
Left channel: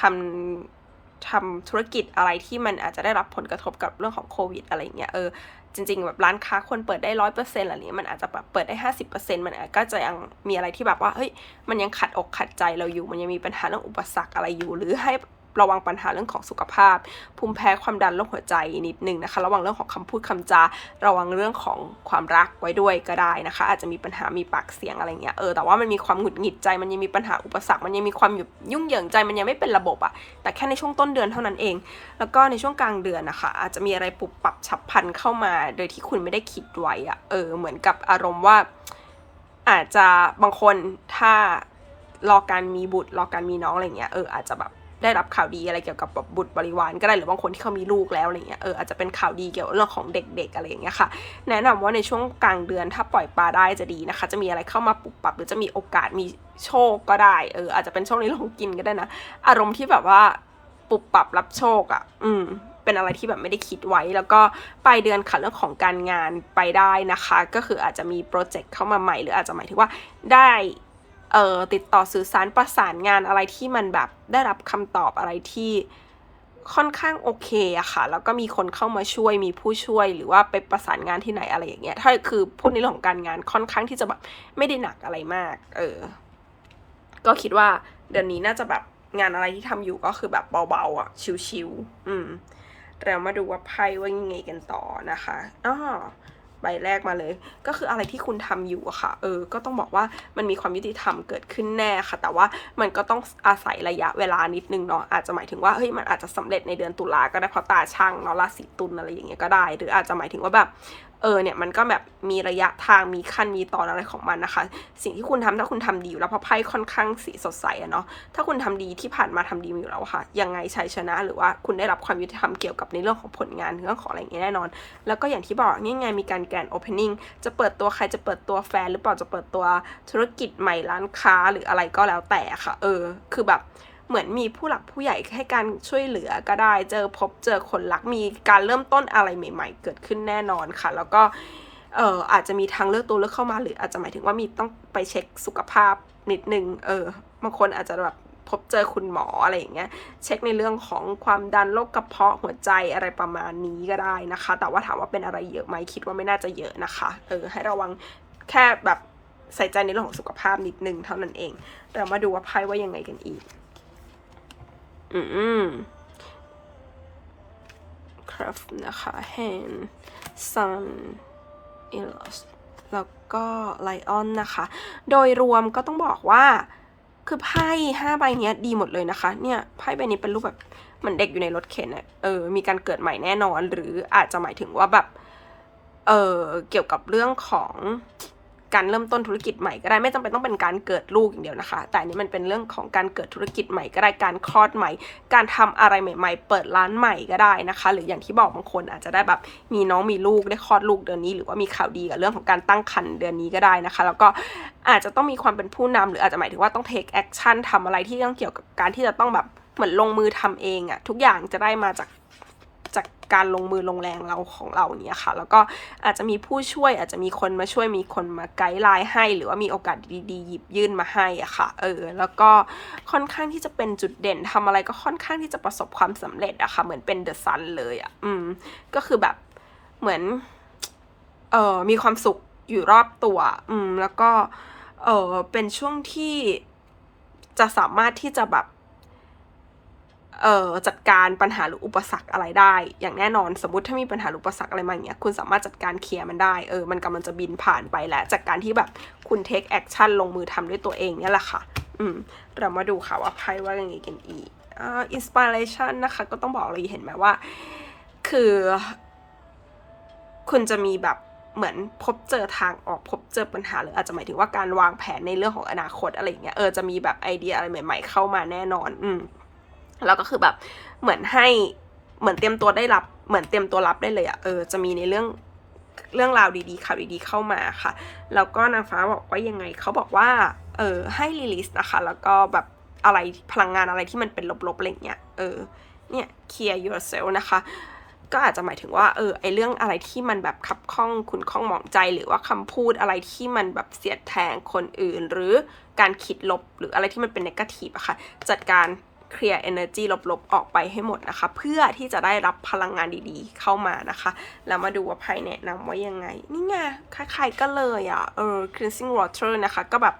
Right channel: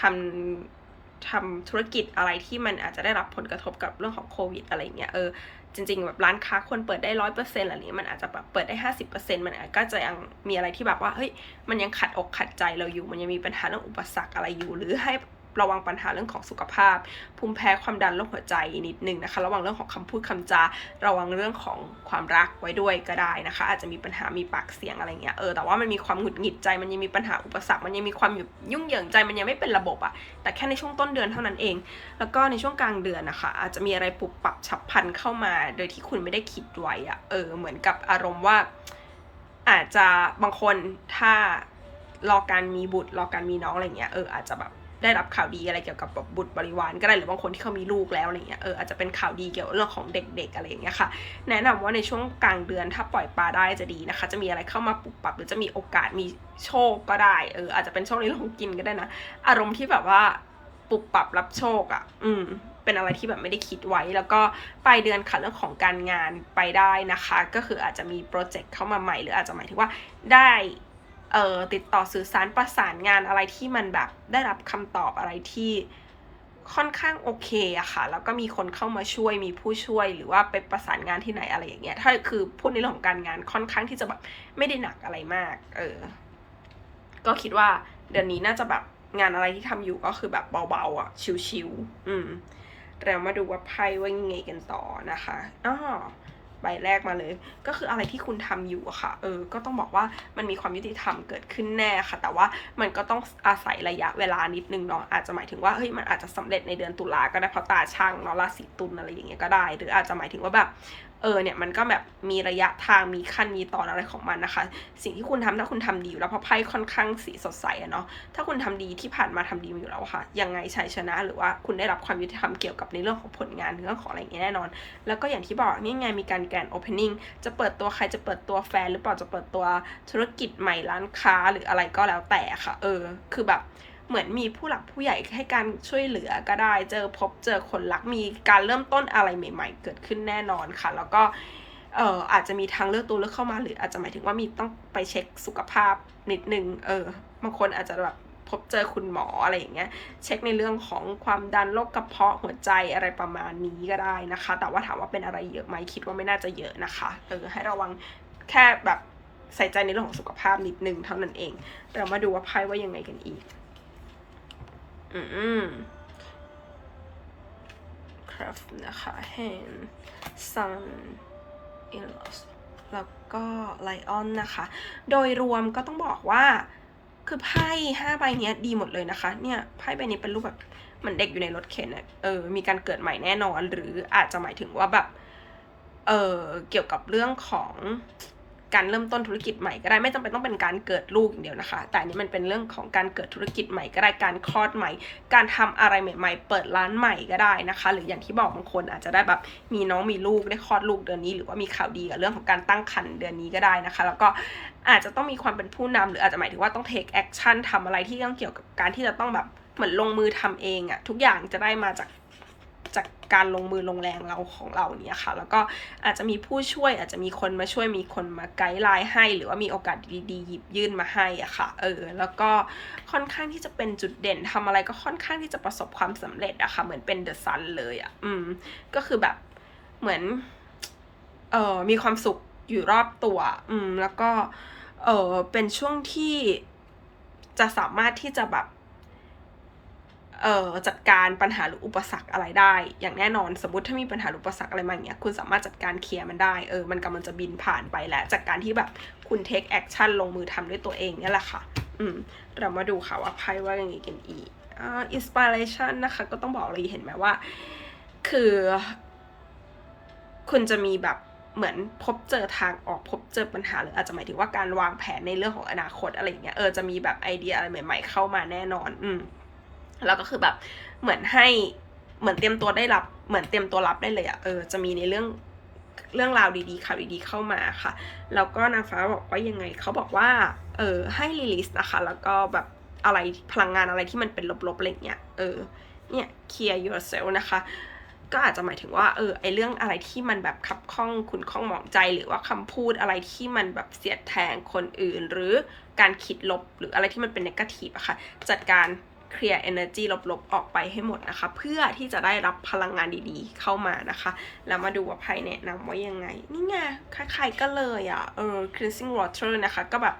ทำ ทำธุรกิจอะไรที่มันอาจจะได้รับผลกระทบกับเรื่องของโควิดอะไรเงี้ยเออจริงๆแบบร้านค้าควรเปิดได้ร้อยเปอร์เซ็นต์อะไรนี้มันอาจจะแบบเปิดได้ห้าสิบเปอร์เซ็นต์มันก็จะยังมีอะไรที่แบบว่าเฮ้ยมันยังขัดอกขัดใจเราอยู่ มันยังมีปัญหาเรื่องอุปสรรคอะไรอยู่ หรือให้ ระวังปัญหาเรื่องของสุขภาพ ภูมิแพ้ความดันโรคหัวใจนิดนึงนะคะ ระวังเรื่องของคำพูดคำจา ระวังเรื่องของความรักไว้ด้วยก็ได้นะคะ อาจจะมีปัญหามีปากเสียงอะไรเงี้ยเออแต่ว่ามันมีความหงุดหงิดใจ มันยังมีปัญหาอุปสรรค มันยังมีความยุ่งเหยิงใจมันยังไม่เป็นระบบอะแต่แค่ในช่วงต้นเดือนเท่านั้นเอง แล้วก็ในช่วงกลางเดือนนะคะ อาจจะมีอะไรปรับปรับฉับพลันเข้ามา โดยที่คุณไม่ได้คิดไว้อะเออเหมือนกับอารมณ์ว่า อาจจะบางคนถ้ารอการมีบุตรรอการมีน้องอะไรเงี้ยเอออาจจะแบบ ได้รับข่าวดีอะไรเกี่ยวกับแบบบุตรบริวารก็ได้หรือบางคนที่เขามีลูกแล้วอะไรเงี้ยเอออาจจะเป็นข่าวดีเกี่ยวกับเรื่องของเด็กๆอะไรอย่างเงี้ยค่ะ แนะนำว่าในช่วงกลางเดือนถ้าปล่อยปลาได้จะดีนะคะ จะมีอะไรเข้ามาปรับปรับหรือจะมีโอกาสมีโชคก็ได้เอออาจจะเป็นโชคในเรื่องของกินก็ได้นะ อารมณ์ที่แบบว่าปรับปรับรับโชคอะ่ะ อืมเป็นอะไรที่แบบไม่ได้คิดไว้ แล้วก็ปลายเดือนค่ะเรื่องของการงานไปได้นะคะ ก็คืออาจจะมีโปรเจกต์เข้ามาใหม่ หรืออาจจะหมายถึงว่าได้ เอ่อติดต่อสื่อสารประสานงานอะไรที่มันแบบได้รับคำตอบอะไรที่ค่อนข้างโอเคอะค่ะ แล้วก็มีคนเข้ามาช่วยมีผู้ช่วยหรือว่าไปประสานงานที่ไหนอะไรอย่างเงี้ย ถ้าคือพูดในเรื่องของการงานค่อนข้างที่จะแบบไม่ได้หนักอะไรมาก เออ ก็คิดว่าเดือนนี้น่าจะแบบงานอะไรที่ทำอยู่ก็คือแบบเบาๆอะชิวๆอืมเรามาดูว่าไพ่ว่ายังไงกันต่อนะคะอ้อ ใบแรกมาเลย ก็คืออะไรที่คุณทำอยู่อะค่ะ เออ ก็ต้องบอกว่ามันมีความยุติธรรมเกิดขึ้นแน่ค่ะ แต่ว่ามันก็ต้องอาศัยระยะเวลานิดนึงเนาะ อาจจะหมายถึงว่า เฮ้ย มันอาจจะสำเร็จในเดือนตุลาก็ได้เพราะตาช่างเนาะราศีตุลอะไรอย่างเงี้ยก็ได้ หรืออาจจะหมายถึงว่าแบบ เออเนี่ยมันก็แบบมีระยะทางมีขั้นมีตอนอะไรของมันนะคะ สิ่งที่คุณทำถ้าคุณทำดีอยู่แล้วเพราะไพ่ค่อนข้างสีสดใสอะเนาะถ้าคุณทำดีที่ผ่านมาทำดีอยู่แล้วค่ะ ยังไงชัยชนะ หรือว่าคุณได้รับความยุติธรรมเกี่ยวกับในเรื่องของผลงานเรื่องของอะไรอย่างเงี้ยแน่นอน แล้วก็อย่างที่บอกนี่ไงมีการแกนโอเพนนิ่งจะเปิดตัวใครจะเปิดตัวแฟนหรือเปล่าจะเปิดตัวธุรกิจใหม่ร้านค้าหรืออะไรก็แล้วแต่ค่ะ เออ คือแบบ เหมือนมีผู้หลักผู้ใหญ่ให้การช่วยเหลือก็ได้ เจอพบเจอคนรักมีการเริ่มต้นอะไรใหม่ ๆ เกิดขึ้นแน่นอนค่ะ แล้วก็เอออาจจะมีทางเลือกตัวเลือกเข้ามาหรืออาจจะหมายถึงว่ามีต้องไปเช็คสุขภาพนิดนึงเออบางคนอาจจะแบบพบเจอคุณหมออะไรอย่างเงี้ยเช็คในเรื่องของความดันโรคกระเพาะหัวใจอะไรประมาณนี้ก็ได้นะคะ แต่ว่าถามว่าเป็นอะไรเยอะไหมคิดว่าไม่น่าจะเยอะนะคะเออให้ระวังแค่แบบใส่ใจในเรื่องของสุขภาพนิดนึงเท่านั้นเอง เรามาดูว่าไพ่ว่ายังไงกันอีก อืมครับนะคะ hand sun e l o s แล้วก็ lion นะคะ โดยรวมก็ต้องบอกว่าคือไพ่ห้าใบเนี้ยดีหมดเลยนะคะ เนี่ยไพ่ใบนี้เป็นรูปแบบเหมือนเด็กอยู่ในรถเข็นอะเออ มีการเกิดใหม่แน่นอน หรืออาจจะหมายถึงว่าแบบ เออเกี่ยวกับเรื่องของ การเริ่มต้นธุรกิจใหม่ก็ได้ไม่จำเป็นต้องเป็นการเกิดลูกอย่างเดียวนะคะ แต่อันนี้มันเป็นเรื่องของการเกิดธุรกิจใหม่ก็ได้การคลอดใหม่ การทำอะไรใหม่ ๆ เปิดร้านใหม่ก็ได้นะคะ หรืออย่างที่บอกบางคนอาจจะได้แบบมีน้องมีลูกได้คลอดลูกเดือนนี้ หรือว่ามีข่าวดีกับเรื่องของการตั้งครรภ์เดือนนี้ก็ได้นะคะ แล้วก็อาจจะต้องมีความเป็นผู้นำหรืออาจจะหมายถึงว่าต้อง take action ทำอะไรที่ต้องเกี่ยวกับการที่จะต้องแบบเหมือนลงมือทำเองอะทุกอย่างจะได้มาจาก การลงมือลงแรงเราของเราเงี้ยค่ะ แล้วก็อาจจะมีผู้ช่วยอาจจะมีคนมาช่วยมีคนมาไกด์ไลน์ให้ หรือว่ามีโอกาสดีๆหยิบยื่นมาให้อะค่ะเออแล้วก็ค่อนข้างที่จะเป็นจุดเด่นทำอะไรก็ค่อนข้างที่จะประสบความสำเร็จอะค่ะเหมือนเป็นเดอะซันเลยอะอืมก็คือแบบเหมือนเออมีความสุขอยู่รอบตัว อืม แล้วก็ เออเป็นช่วงที่จะสามารถที่จะแบบ จัดการปัญหาหรืออุปสรรคอะไรได้ อย่างแน่นอนสมมติถ้ามีปัญหาหรืออุปสรรคอะไรมาอย่างเงี้ยคุณสามารถจัดการเคลียร์มันได้เออมันกำลังจะบินผ่านไปแหละจากการที่แบบคุณ take action ลงมือทำด้วยตัวเองเนี่ยแหละค่ะ อืมเรามาดูค่ะว่าไพ่ว่าอยังไงกันอีกอ่า inspiration นะคะ ก็ต้องบอกเลยเห็นไหมว่า คือ คุณจะมีแบบเหมือนพบเจอทางออกพบเจอปัญหาหรืออาจจะหมายถึงว่าการวางแผนในเรื่องของอนาคตอะไรอย่างเงี้ยเออจะมีแบบไอเดียอะไรใหม่ ๆ เข้ามาแน่นอน อืม แล้วก็คือแบบเหมือนให้เหมือนเตรียมตัวได้รับ เหมือนเตรียมตัวรับได้เลยอะเออจะมีในเรื่องเรื่องราวดีๆข่าวดีๆเข้ามาค่ะ แล้วก็นางฟ้าบอกว่ายังไงเขาบอกว่าเออให้รีลิสนะคะ แล้วก็แบบอะไรพลังงานอะไรที่มันเป็นลบๆอะไรเงี้ยเออเนี่ย clear yourself นะคะก็อาจจะหมายถึงว่าเออไอเรื่องอะไรที่มันแบบขับข้องคุณข้องหมองใจ หรือว่าคำพูดอะไรที่มันแบบเสียดแทงคนอื่น หรือการคิดลบหรืออะไรที่มันเป็นนกาทีฟอะค่ะจัดการ เคลียร์ energy ลบๆ ออกไปให้หมดนะคะ เพื่อที่จะได้รับพลังงานดีๆ เข้ามานะคะ แล้วมาดูว่าไพ่แนะนำว่ายังไง นี่ไงคล้ายๆก็เลยอะเออ cleansing water นะคะ ก็แบบ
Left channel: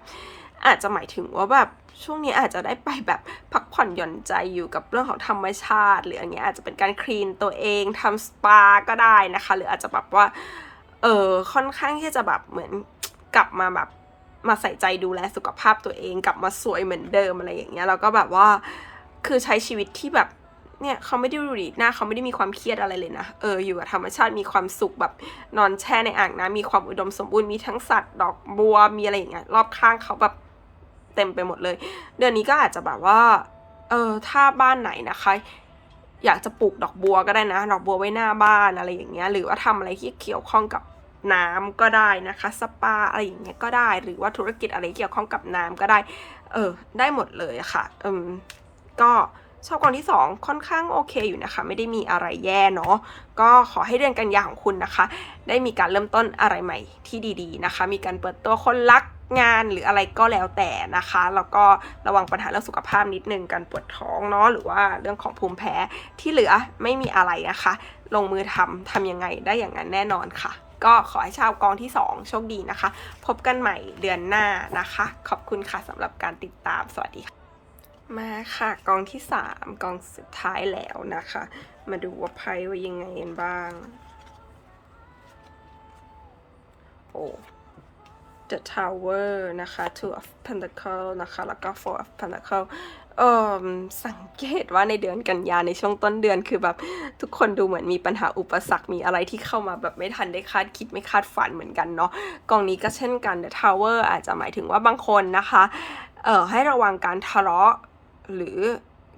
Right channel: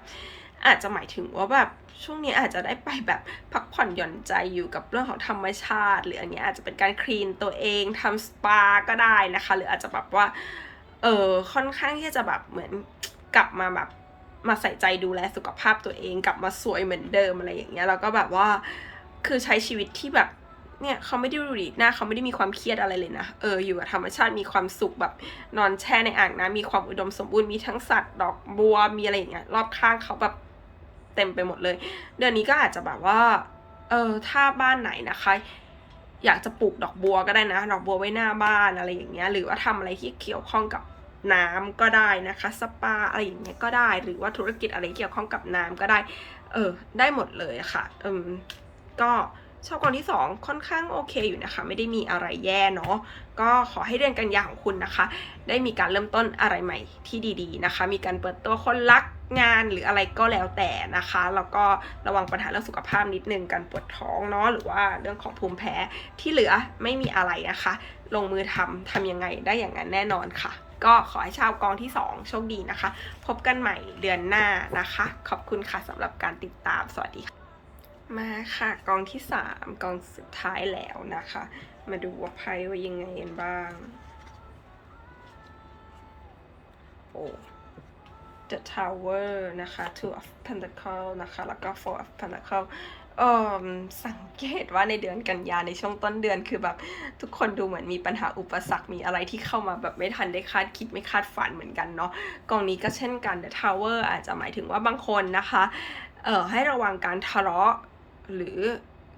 อาจจะหมายถึงว่าแบบช่วงนี้อาจจะได้ไปแบบพักผ่อนหย่อนใจอยู่กับเรื่องของธรรมชาติ หรืออันเนี้ยอาจจะเป็นการคลีนตัวเองทำสปาก็ได้นะคะ หรืออาจจะแบบว่าเออค่อนข้างที่จะแบบเหมือนกลับมาแบบมาใส่ใจดูแลสุขภาพตัวเอง กลับมาสวยเหมือนเดิมอะไรอย่างเงี้ยแล้วก็แบบว่า คือใช้ชีวิตที่แบบเนี่ยเขาไม่ได้ดูดีหน้าเขาไม่ได้มีความเครียดอะไรเลยนะเอออยู่กับธรรมชาติมีความสุขแบบนอนแช่ในอ่างน้ำมีความอุดมสมบูรณ์มีทั้งสัตว์ดอกบัวมีอะไรอย่างเงี้ยรอบข้างเขาแบบเต็มไปหมดเลย เดือนนี้ก็อาจจะแบบว่าเออถ้าบ้านไหนนะคะ อยากจะปลูกดอกบัวก็ได้นะดอกบัวไว้หน้าบ้านอะไรอย่างเงี้ยหรือว่าทำอะไรที่เกี่ยวข้องกับน้ำก็ได้นะคะ สปาอะไรอย่างเงี้ยก็ได้ หรือว่าธุรกิจอะไรเกี่ยวข้องกับน้ำก็ได้ เออ ได้หมดเลยค่ะอืม ก็ชอบกองที่ 2 ค่อนข้างโอเคอยู่นะคะ ไม่ได้มีอะไรแย่เนาะก็ขอให้เดือนกันยาของคุณนะคะ ได้มีการเริ่มต้นอะไรใหม่ที่ดีๆนะคะ มีการเปิดตัวคนรักงานหรืออะไรก็แล้วแต่นะคะแล้วก็ระวังปัญหาเรื่องสุขภาพนิดนึงการปวดท้องเนาะหรือว่าเรื่องของภูมิแพ้ที่เหลือไม่มีอะไรนะคะ ลงมือทำทำยังไงได้อย่างนั้นแน่นอนค่ะ ก็ขอให้ชาวกองที่ 2 โชคดีนะคะ พบกันใหม่เดือนหน้านะคะ ขอบคุณค่ะสำหรับการติดตามสวัสดีค่ะ มาค่ะกองที่3กองสุดท้ายแล้วนะคะ มาดูว่าไพ่ว่ายังไงกันบ้าง โอ้ The Tower นะคะ Two of Pentacle นะคะ แล้วก็ Four of Pentacle เอ่อสังเกตว่าในเดือนกันยาในช่วงต้นเดือนคือแบบทุกคนดูเหมือนมีปัญหาอุปสรรคมีอะไรที่เข้ามาแบบไม่ทันได้คาดคิดไม่คาดฝันเหมือนกันเนาะกองนี้ก็เช่นกัน The Tower อาจจะหมายถึงว่าบางคนนะคะเอ่อให้ระวังการทะเลาะ หรือ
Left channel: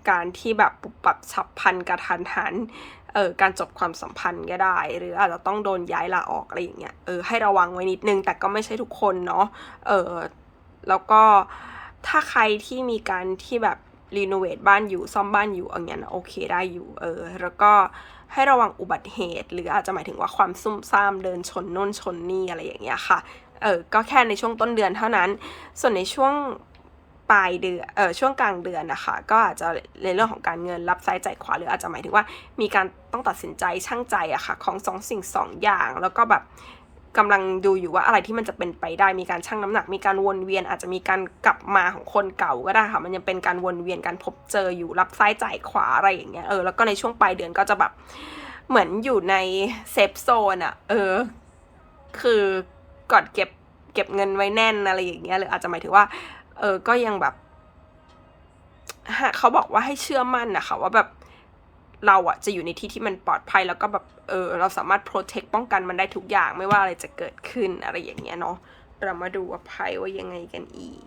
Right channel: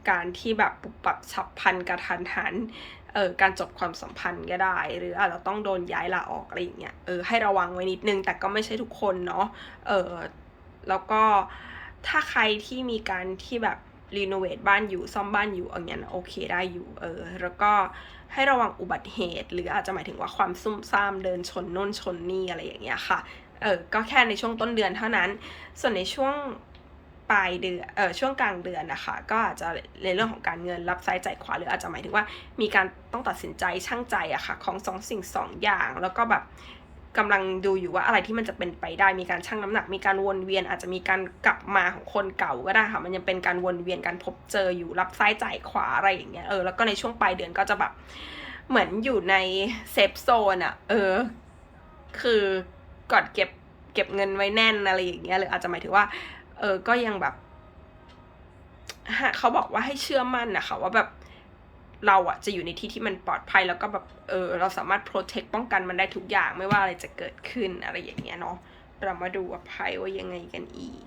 การที่แบบปุบปับฉับพันกระทันหันเออการจบความสัมพันธ์ก็ได้ หรืออาจจะต้องโดนย้ายลาออกอะไรอย่างเงี้ยเออให้ระวังไว้นิดนึง แต่ก็ไม่ใช่ทุกคนเนาะเออแล้วก็ถ้าใครที่มีการที่แบบรีโนเวทบ้านอยู่ซ่อมบ้านอยู่อย่างเงี้ยนะโอเคได้อยู่เออแล้วก็ให้ระวังอุบัติเหตุ หรืออาจจะหมายถึงว่าความซุ่มซ่ามเดินชนน่นชนนี่อะไรอย่างเงี้ยค่ะเออก็แค่ในช่วงต้นเดือนเท่านั้น ส่วนในช่วง ปลายเดือนเออช่วงกลางเดือนนะคะ ก็อาจจะในเรื่องของการเงินรับซ้ายจ่ายขวาหรืออาจจะหมายถึงว่า มีการต้องตัดสินใจช่างใจอะค่ะของสองสิ่งสองอย่าง แล้วก็แบบกำลังดูอยู่ว่าอะไรที่มันจะเป็นไปได้มีการชั่งน้ำหนัก มีการวนเวียนอาจจะมีการกลับมาของคนเก่าก็ได้ค่ะ มันยังเป็นการวนเวียนการพบเจออยู่รับซ้ายจ่ายขวาอะไรอย่างเงี้ยเออแล้วก็ในช่วงปลายเดือนก็จะแบบเหมือนอยู่ในเซฟโซนอะเออ คือกอดเก็บเก็บเงินไว้แน่นอะไรอย่างเงี้ยหรืออาจจะหมายถึงว่า เออก็ยังแบบเขาบอกว่าให้เชื่อมั่นนะคะว่าแบบเราอะจะอยู่ในที่ที่มันปลอดภัยแล้วก็แบบเออเราสามารถ protect ป้องกันมันได้ทุกอย่างไม่ว่าอะไรจะเกิดขึ้นอะไรอย่างเงี้ยเนาะเรามาดูว่าไพ่ว่ายังไงกันอีก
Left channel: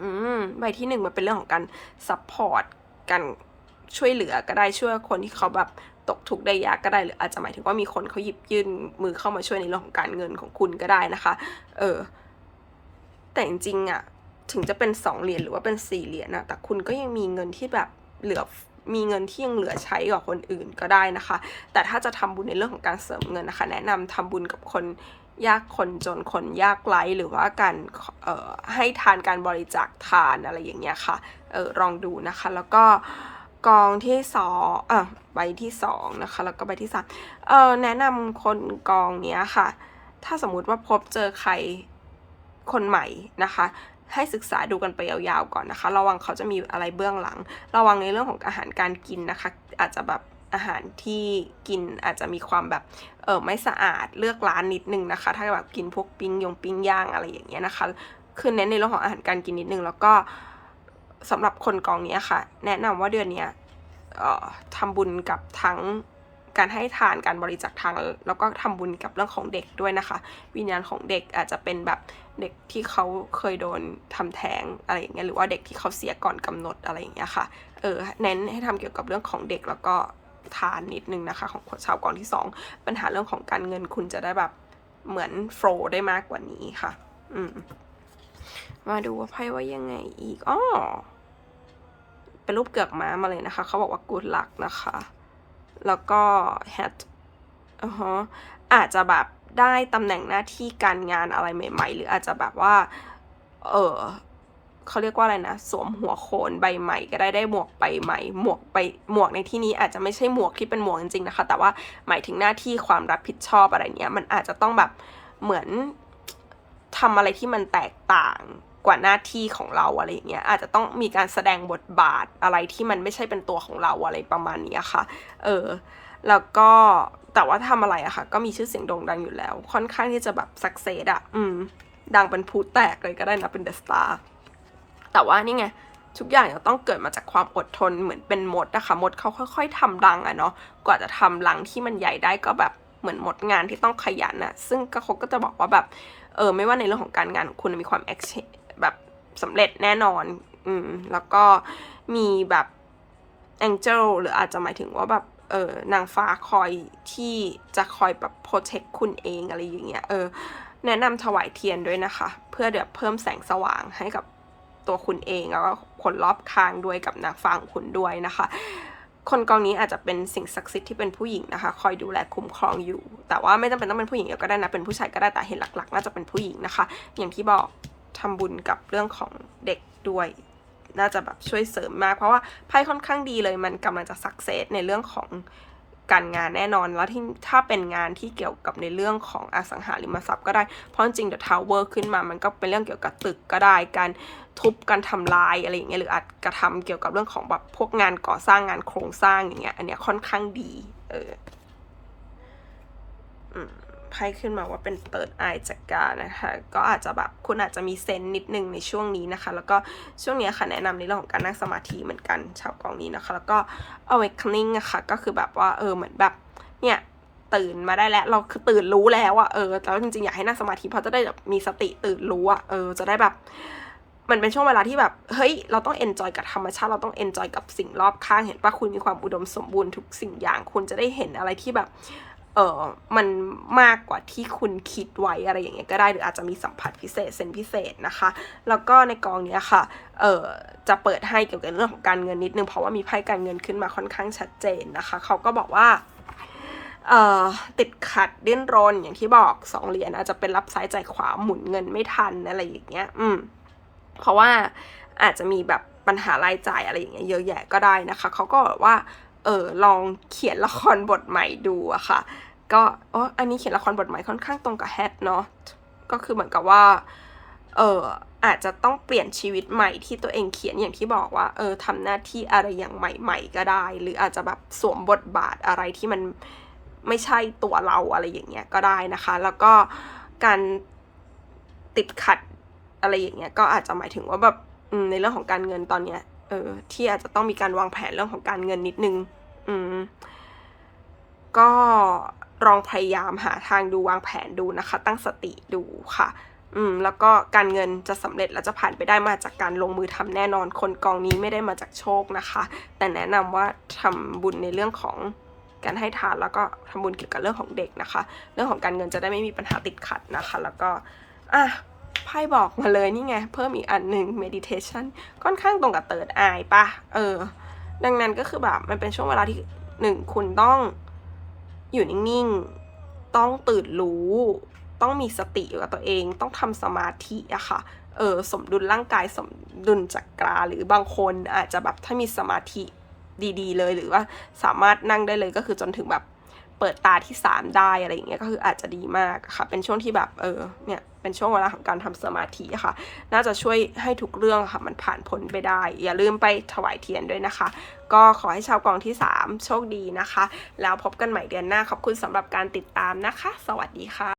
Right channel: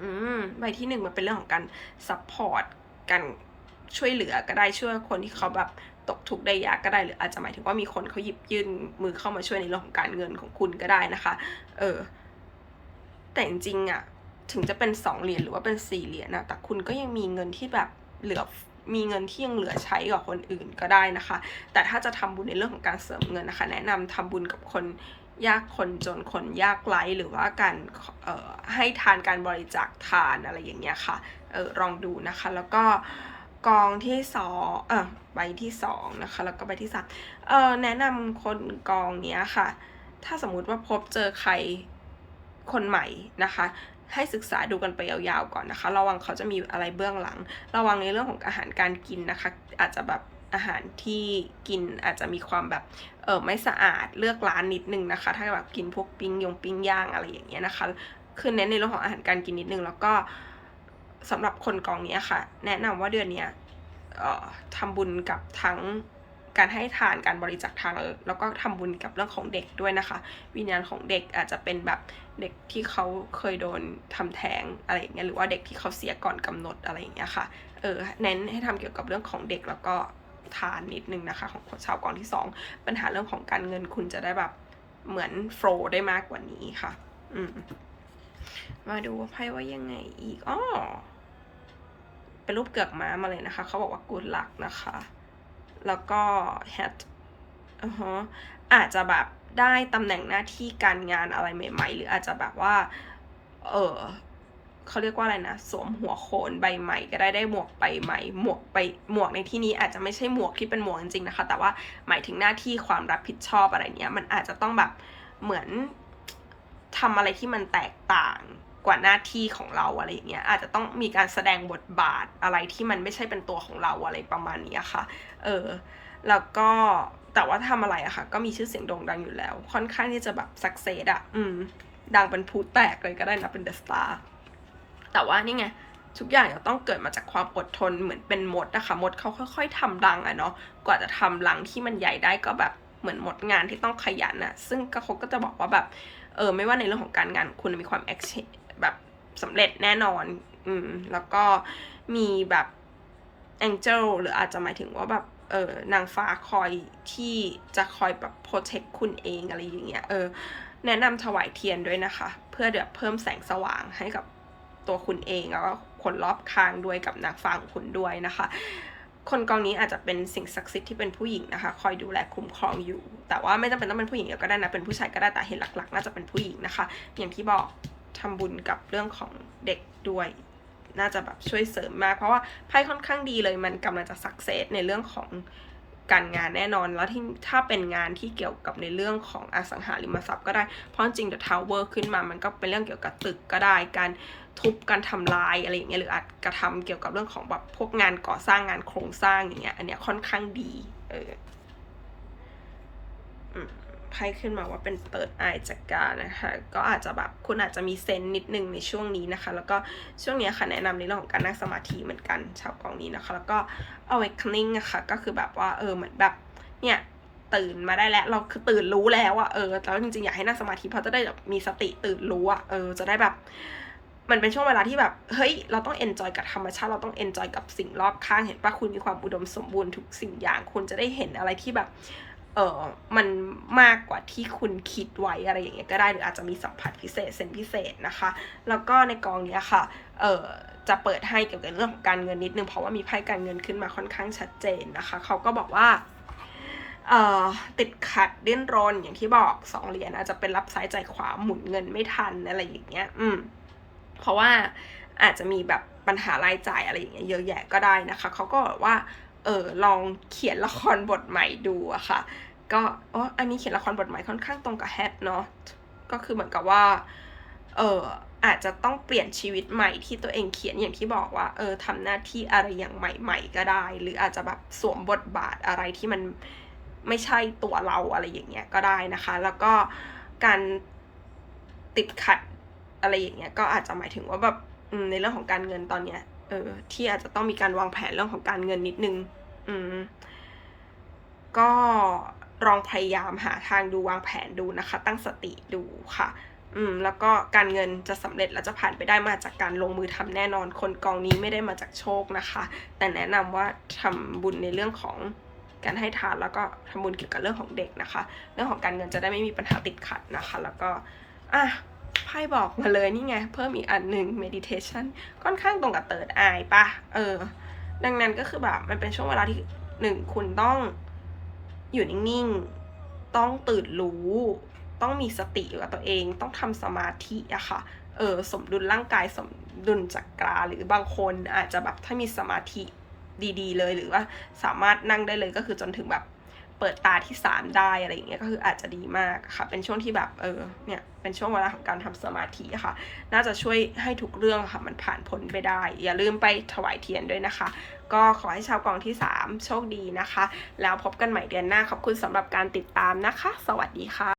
อืมใบที่หนึ่งมันเป็นเรื่องของการ support การช่วยเหลือก็ได้ช่วยคนที่เขาแบบตกทุกข์ได้ยากก็ได้หรืออาจจะหมายถึงว่ามีคนเขาหยิบยื่นมือเข้ามาช่วยในเรื่องของการเงินของคุณก็ได้นะคะ เออ แต่จริงๆอะถึงจะเป็นสองเหรียญหรือว่าเป็นสี่เหรียญนะแต่คุณก็ยังมีเงินที่แบบเหลือมีเงินที่ยังเหลือใช้กับคนอื่นก็ได้นะคะ แต่ถ้าจะทำบุญในเรื่องของการเสริมเงินนะคะ แนะนำทำบุญกับคนยากคนจนคนยากไร้หรือว่าการเอ่อให้ทานการบริจาคทานอะไรอย่างเงี้ยค่ะเออลองดูนะคะ แล้วก็กองที่สองเออใบที่สองนะคะ แล้วก็ใบที่สามเออแนะนำคนกองเนี้ยค่ะ ถ้าสมมุติว่าพบเจอใคร คนใหม่นะคะ ให้ศึกษาดูกันไปยาวๆก่อนนะคะ ระวังเขาจะมีอะไรเบื้องหลัง ระวังในเรื่องของอาหารการกินนะคะ อาจจะแบบอาหารที่กินอาจจะมีความแบบเออไม่สะอาดเลือกร้านนิดนึงนะคะ ถ้าแบบกินพวกปิ้งยงปิ้งย่างอะไรอย่างเงี้ยนะคะคือเน้นในเรื่องของอาหารการกินนิดนึงแล้วก็สำหรับคนกองเนี้ยค่ะ แนะนำว่าเดือนเนี้ยออทำบุญกับทั้งการให้ทานการบริจาคทางแล้วก็ทำบุญกับเรื่องของเด็กด้วยนะคะ วิญญาณของเด็กอาจจะเป็นแบบ เด็กที่เขาเคยโดนทำแท้งอะไรอย่างเงี้ยหรือว่าเด็กที่เขาเสียก่อนกำหนดอะไรอย่างเงี้ยค่ะเออเน้นให้ทำเกี่ยวกับเรื่องของเด็กแล้วก็ทานนิดนึงนะคะของชาวกองที่สองปัญหาเรื่องของการเงินคุณจะได้แบบเหมือนโฟลได้มากกว่านี้ค่ะ อืมมาดูว่าไพ่ว่ายังไงอีกอ้อเป็นรูปเกือกม้ามาเลยนะคะ เขาบอกว่า good luck นะคะ แล้วก็ hat อือฮะอาจจะแบบ ได้ตำแหน่งหน้าที่การงานอะไรใหม่ ๆ หรืออาจจะแบบว่า เออเขาเรียกว่าอะไรนะ สวมหัวโขนใบใหม่ ก็ได้ได้หมวกใบใหม่ หมวกใบหมวกในที่นี้อาจจะไม่ใช่หมวกที่เป็นหมวกจริงๆนะคะ แต่ว่าหมายถึงหน้าที่ความรับผิดชอบอะไรเนี้ย มันอาจจะต้องแบบเหมือนทำอะไรที่มันแตกต่างกว่าหน้าที่ของเราอะไรอย่างเงี้ยอาจจะต้องมีการแสดงบทบาทอะไรที่มันไม่ใช่เป็นตัวของเราอะไรประมาณนี้ค่ะ เออ แล้วก็ แต่ว่าทำอะไรอะค่ะ ก็มีชื่อเสียงโด่งดังอยู่แล้ว ค่อนข้างที่จะแบบสักเซสอะอืม ดังเป็นพูแตกเลยก็ได้นะเป็นเดอะสตาร์แต่ว่านี่ไงทุกอย่างจะต้องเกิดมาจากความอดทนเหมือนเป็นมดนะคะมดเขาค่อย ๆทำรังอะเนาะกว่าจะทำรังที่มันใหญ่ได้ก็แบบเหมือนหมดงานที่ต้องขยันอะซึ่งก็เขาก็จะบอกว่าแบบเออไม่ว่าในเรื่องของการงานคุณมีความแอคแบบสำเร็จแน่นอน อืมแล้วก็มีแบบแองเจิลหรืออาจจะหมายถึงว่าแบบ เออนางฟ้าคอยที่จะคอยแบบโปรเทคคุณเองอะไรอย่างเงี้ยเออแนะนำถวายเทียนด้วยนะคะ เพื่อเดี๋ยวเพิ่มแสงสว่างให้กับตัวคุณเองแล้วก็คนรอบข้างด้วยกับนางฟ้าของคุณด้วยนะคะ คนกองนี้อาจจะเป็นสิ่งศักดิ์สิทธิ์ที่เป็นผู้หญิงนะคะ คอยดูแลคุ้มครองอยู่ แต่ว่าไม่จำเป็นต้องเป็นผู้หญิงก็ได้นะเป็นผู้ชายก็ได้แต่เห็นหลักๆน่าจะเป็นผู้หญิงนะคะ อย่างที่บอกทำบุญกับเรื่องของเด็กด้วย น่าจะแบบช่วยเสริมมาก เพราะว่าไพ่ค่อนข้างดีเลยมันกำลังจะสักเซสในเรื่องของการงานแน่นอนแล้วที่ถ้าเป็นงานที่เกี่ยวกับในเรื่องของอสังหาริมทรัพย์ก็ได้ เพราะจริงๆ The Tower ขึ้นมามันก็เป็นเรื่องเกี่ยวกับตึกก็ได้ การทุบการทำลายอะไรอย่างเงี้ยหรืออาจกระทำเกี่ยวกับเรื่องของแบบพวกงานก่อสร้างงานโครงสร้างอย่างเงี้ยอันเนี้ยค่อนข้างดีเอออืม ไพ่ขึ้นมาว่าเป็นเปิดอายจากกานะคะ ก็อาจจะแบบคุณอาจจะมีเซนส์นิดนึงในช่วงนี้นะคะ แล้วก็ช่วงนี้ค่ะแนะนำในเรื่องของการนั่งสมาธิเหมือนกันชาวกองนี้นะคะ แล้วก็ awakening อะคะก็คือแบบว่าเออเหมือนแบบเนี่ยตื่นมาได้แล้วเราคือตื่นรู้แล้วอะเออแล้วจริงๆอยากให้นั่งสมาธิเพราะจะได้แบบมีสติตื่นรู้อะเออจะได้แบบ มันเป็นช่วงเวลาที่แบบเฮ้ยเราต้องเอนจอยกับธรรมชาติเราต้องเอนจอยกับสิ่งรอบข้างเห็นปะคุณมีความอุดมสมบูรณ์ทุกสิ่งอย่างคุณจะได้เห็นอะไรที่แบบ เออมันมากกว่าที่คุณคิดไว้อะไรอย่างเงี้ยก็ได้หรืออาจจะมีสัมผัสพิเศษเซนพิเศษนะคะ แล้วก็ในกองเนี้ยค่ะเออจะเปิดให้เกี่ยวกับเรื่องของการเงินนิดนึงเพราะว่ามีไพ่การเงินขึ้นมาค่อนข้างชัดเจนนะคะ เขาก็บอกว่าเออติดขัดดิ้นรนอย่างที่บอกสองเหรียญอาจจะเป็นรับซ้ายใจขวาหมุนเงินไม่ทันอะไรอย่างเงี้ยอืมเพราะว่าอาจจะมีแบบปัญหารายจ่ายอะไรอย่างเงี้ยเยอะแยะก็ได้นะคะ เขาก็บอกว่าเออลองเขียนละครบทใหม่ดูอะค่ะ ก็อ๋ออันนี้เขียนละครบทใหม่ค่อนข้างตรงกับแฮทเนาะก็คือเหมือนกับว่า เอออาจจะต้องเปลี่ยนชีวิตใหม่ที่ตัวเองเขียนอย่างที่บอกว่า เออทำหน้าที่อะไรอย่างใหม่ ๆ ก็ได้ หรืออาจจะแบบสวมบทบาทอะไรที่มันไม่ใช่ตัวเราอะไรอย่างเงี้ยก็ได้นะคะ แล้วก็การติดขัดอะไรอย่างเงี้ยก็อาจจะหมายถึงว่าแบบในเรื่องของการเงินตอนเนี้ยเออที่อาจจะต้องมีการวางแผนเรื่องของการเงินนิดนึง อืมก็ ลองพยายามหาทางดูวางแผนดูนะคะ ตั้งสติดูค่ะ อืมแล้วก็การเงินจะสำเร็จและจะผ่านไปได้มาจากการลงมือทำแน่นอน คนกองนี้ไม่ได้มาจากโชคนะคะ แต่แนะนำว่าทำบุญในเรื่องของการให้ทานแล้วก็ทำบุญเกี่ยวกับเรื่องของเด็กนะคะ เรื่องของการเงินจะได้ไม่มีปัญหาติดขัดนะคะ แล้วก็อะไพ่บอกมาเลยนี่ไง เพิ่มอีกอันหนึ่ง meditation ค่อนข้างตรงกับเติร์ดอายปะเออ ดังนั้นก็คือแบบมันเป็นช่วงเวลาที่หนึ่งคุณต้อง อยู่นิ่งๆ ต้องตื่นรู้ ต้องมีสติอยู่กับตัวเอง ต้องทำสมาธิอะค่ะ เออสมดุลร่างกายสมดุลจักราหรือบางคนอาจจะแบบถ้ามีสมาธิดีๆ เลยหรือว่าสามารถนั่งได้เลยก็คือจนถึงแบบ เปิดตาที่สามได้อะไรอย่างเงี้ยก็คืออาจจะดีมากค่ะ เป็นช่วงที่แบบเออเนี่ยเป็นช่วงเวลาของการทำสมาธิค่ะ น่าจะช่วยให้ทุกเรื่องค่ะมันผ่านพ้นไปได้ อย่าลืมไปถวายเทียนด้วยนะคะ ก็ขอให้ชาวกองที่ 3 โชคดีนะคะ แล้วพบกันใหม่เดือนหน้าขอบคุณสำหรับการติดตามนะคะ สวัสดีค่ะ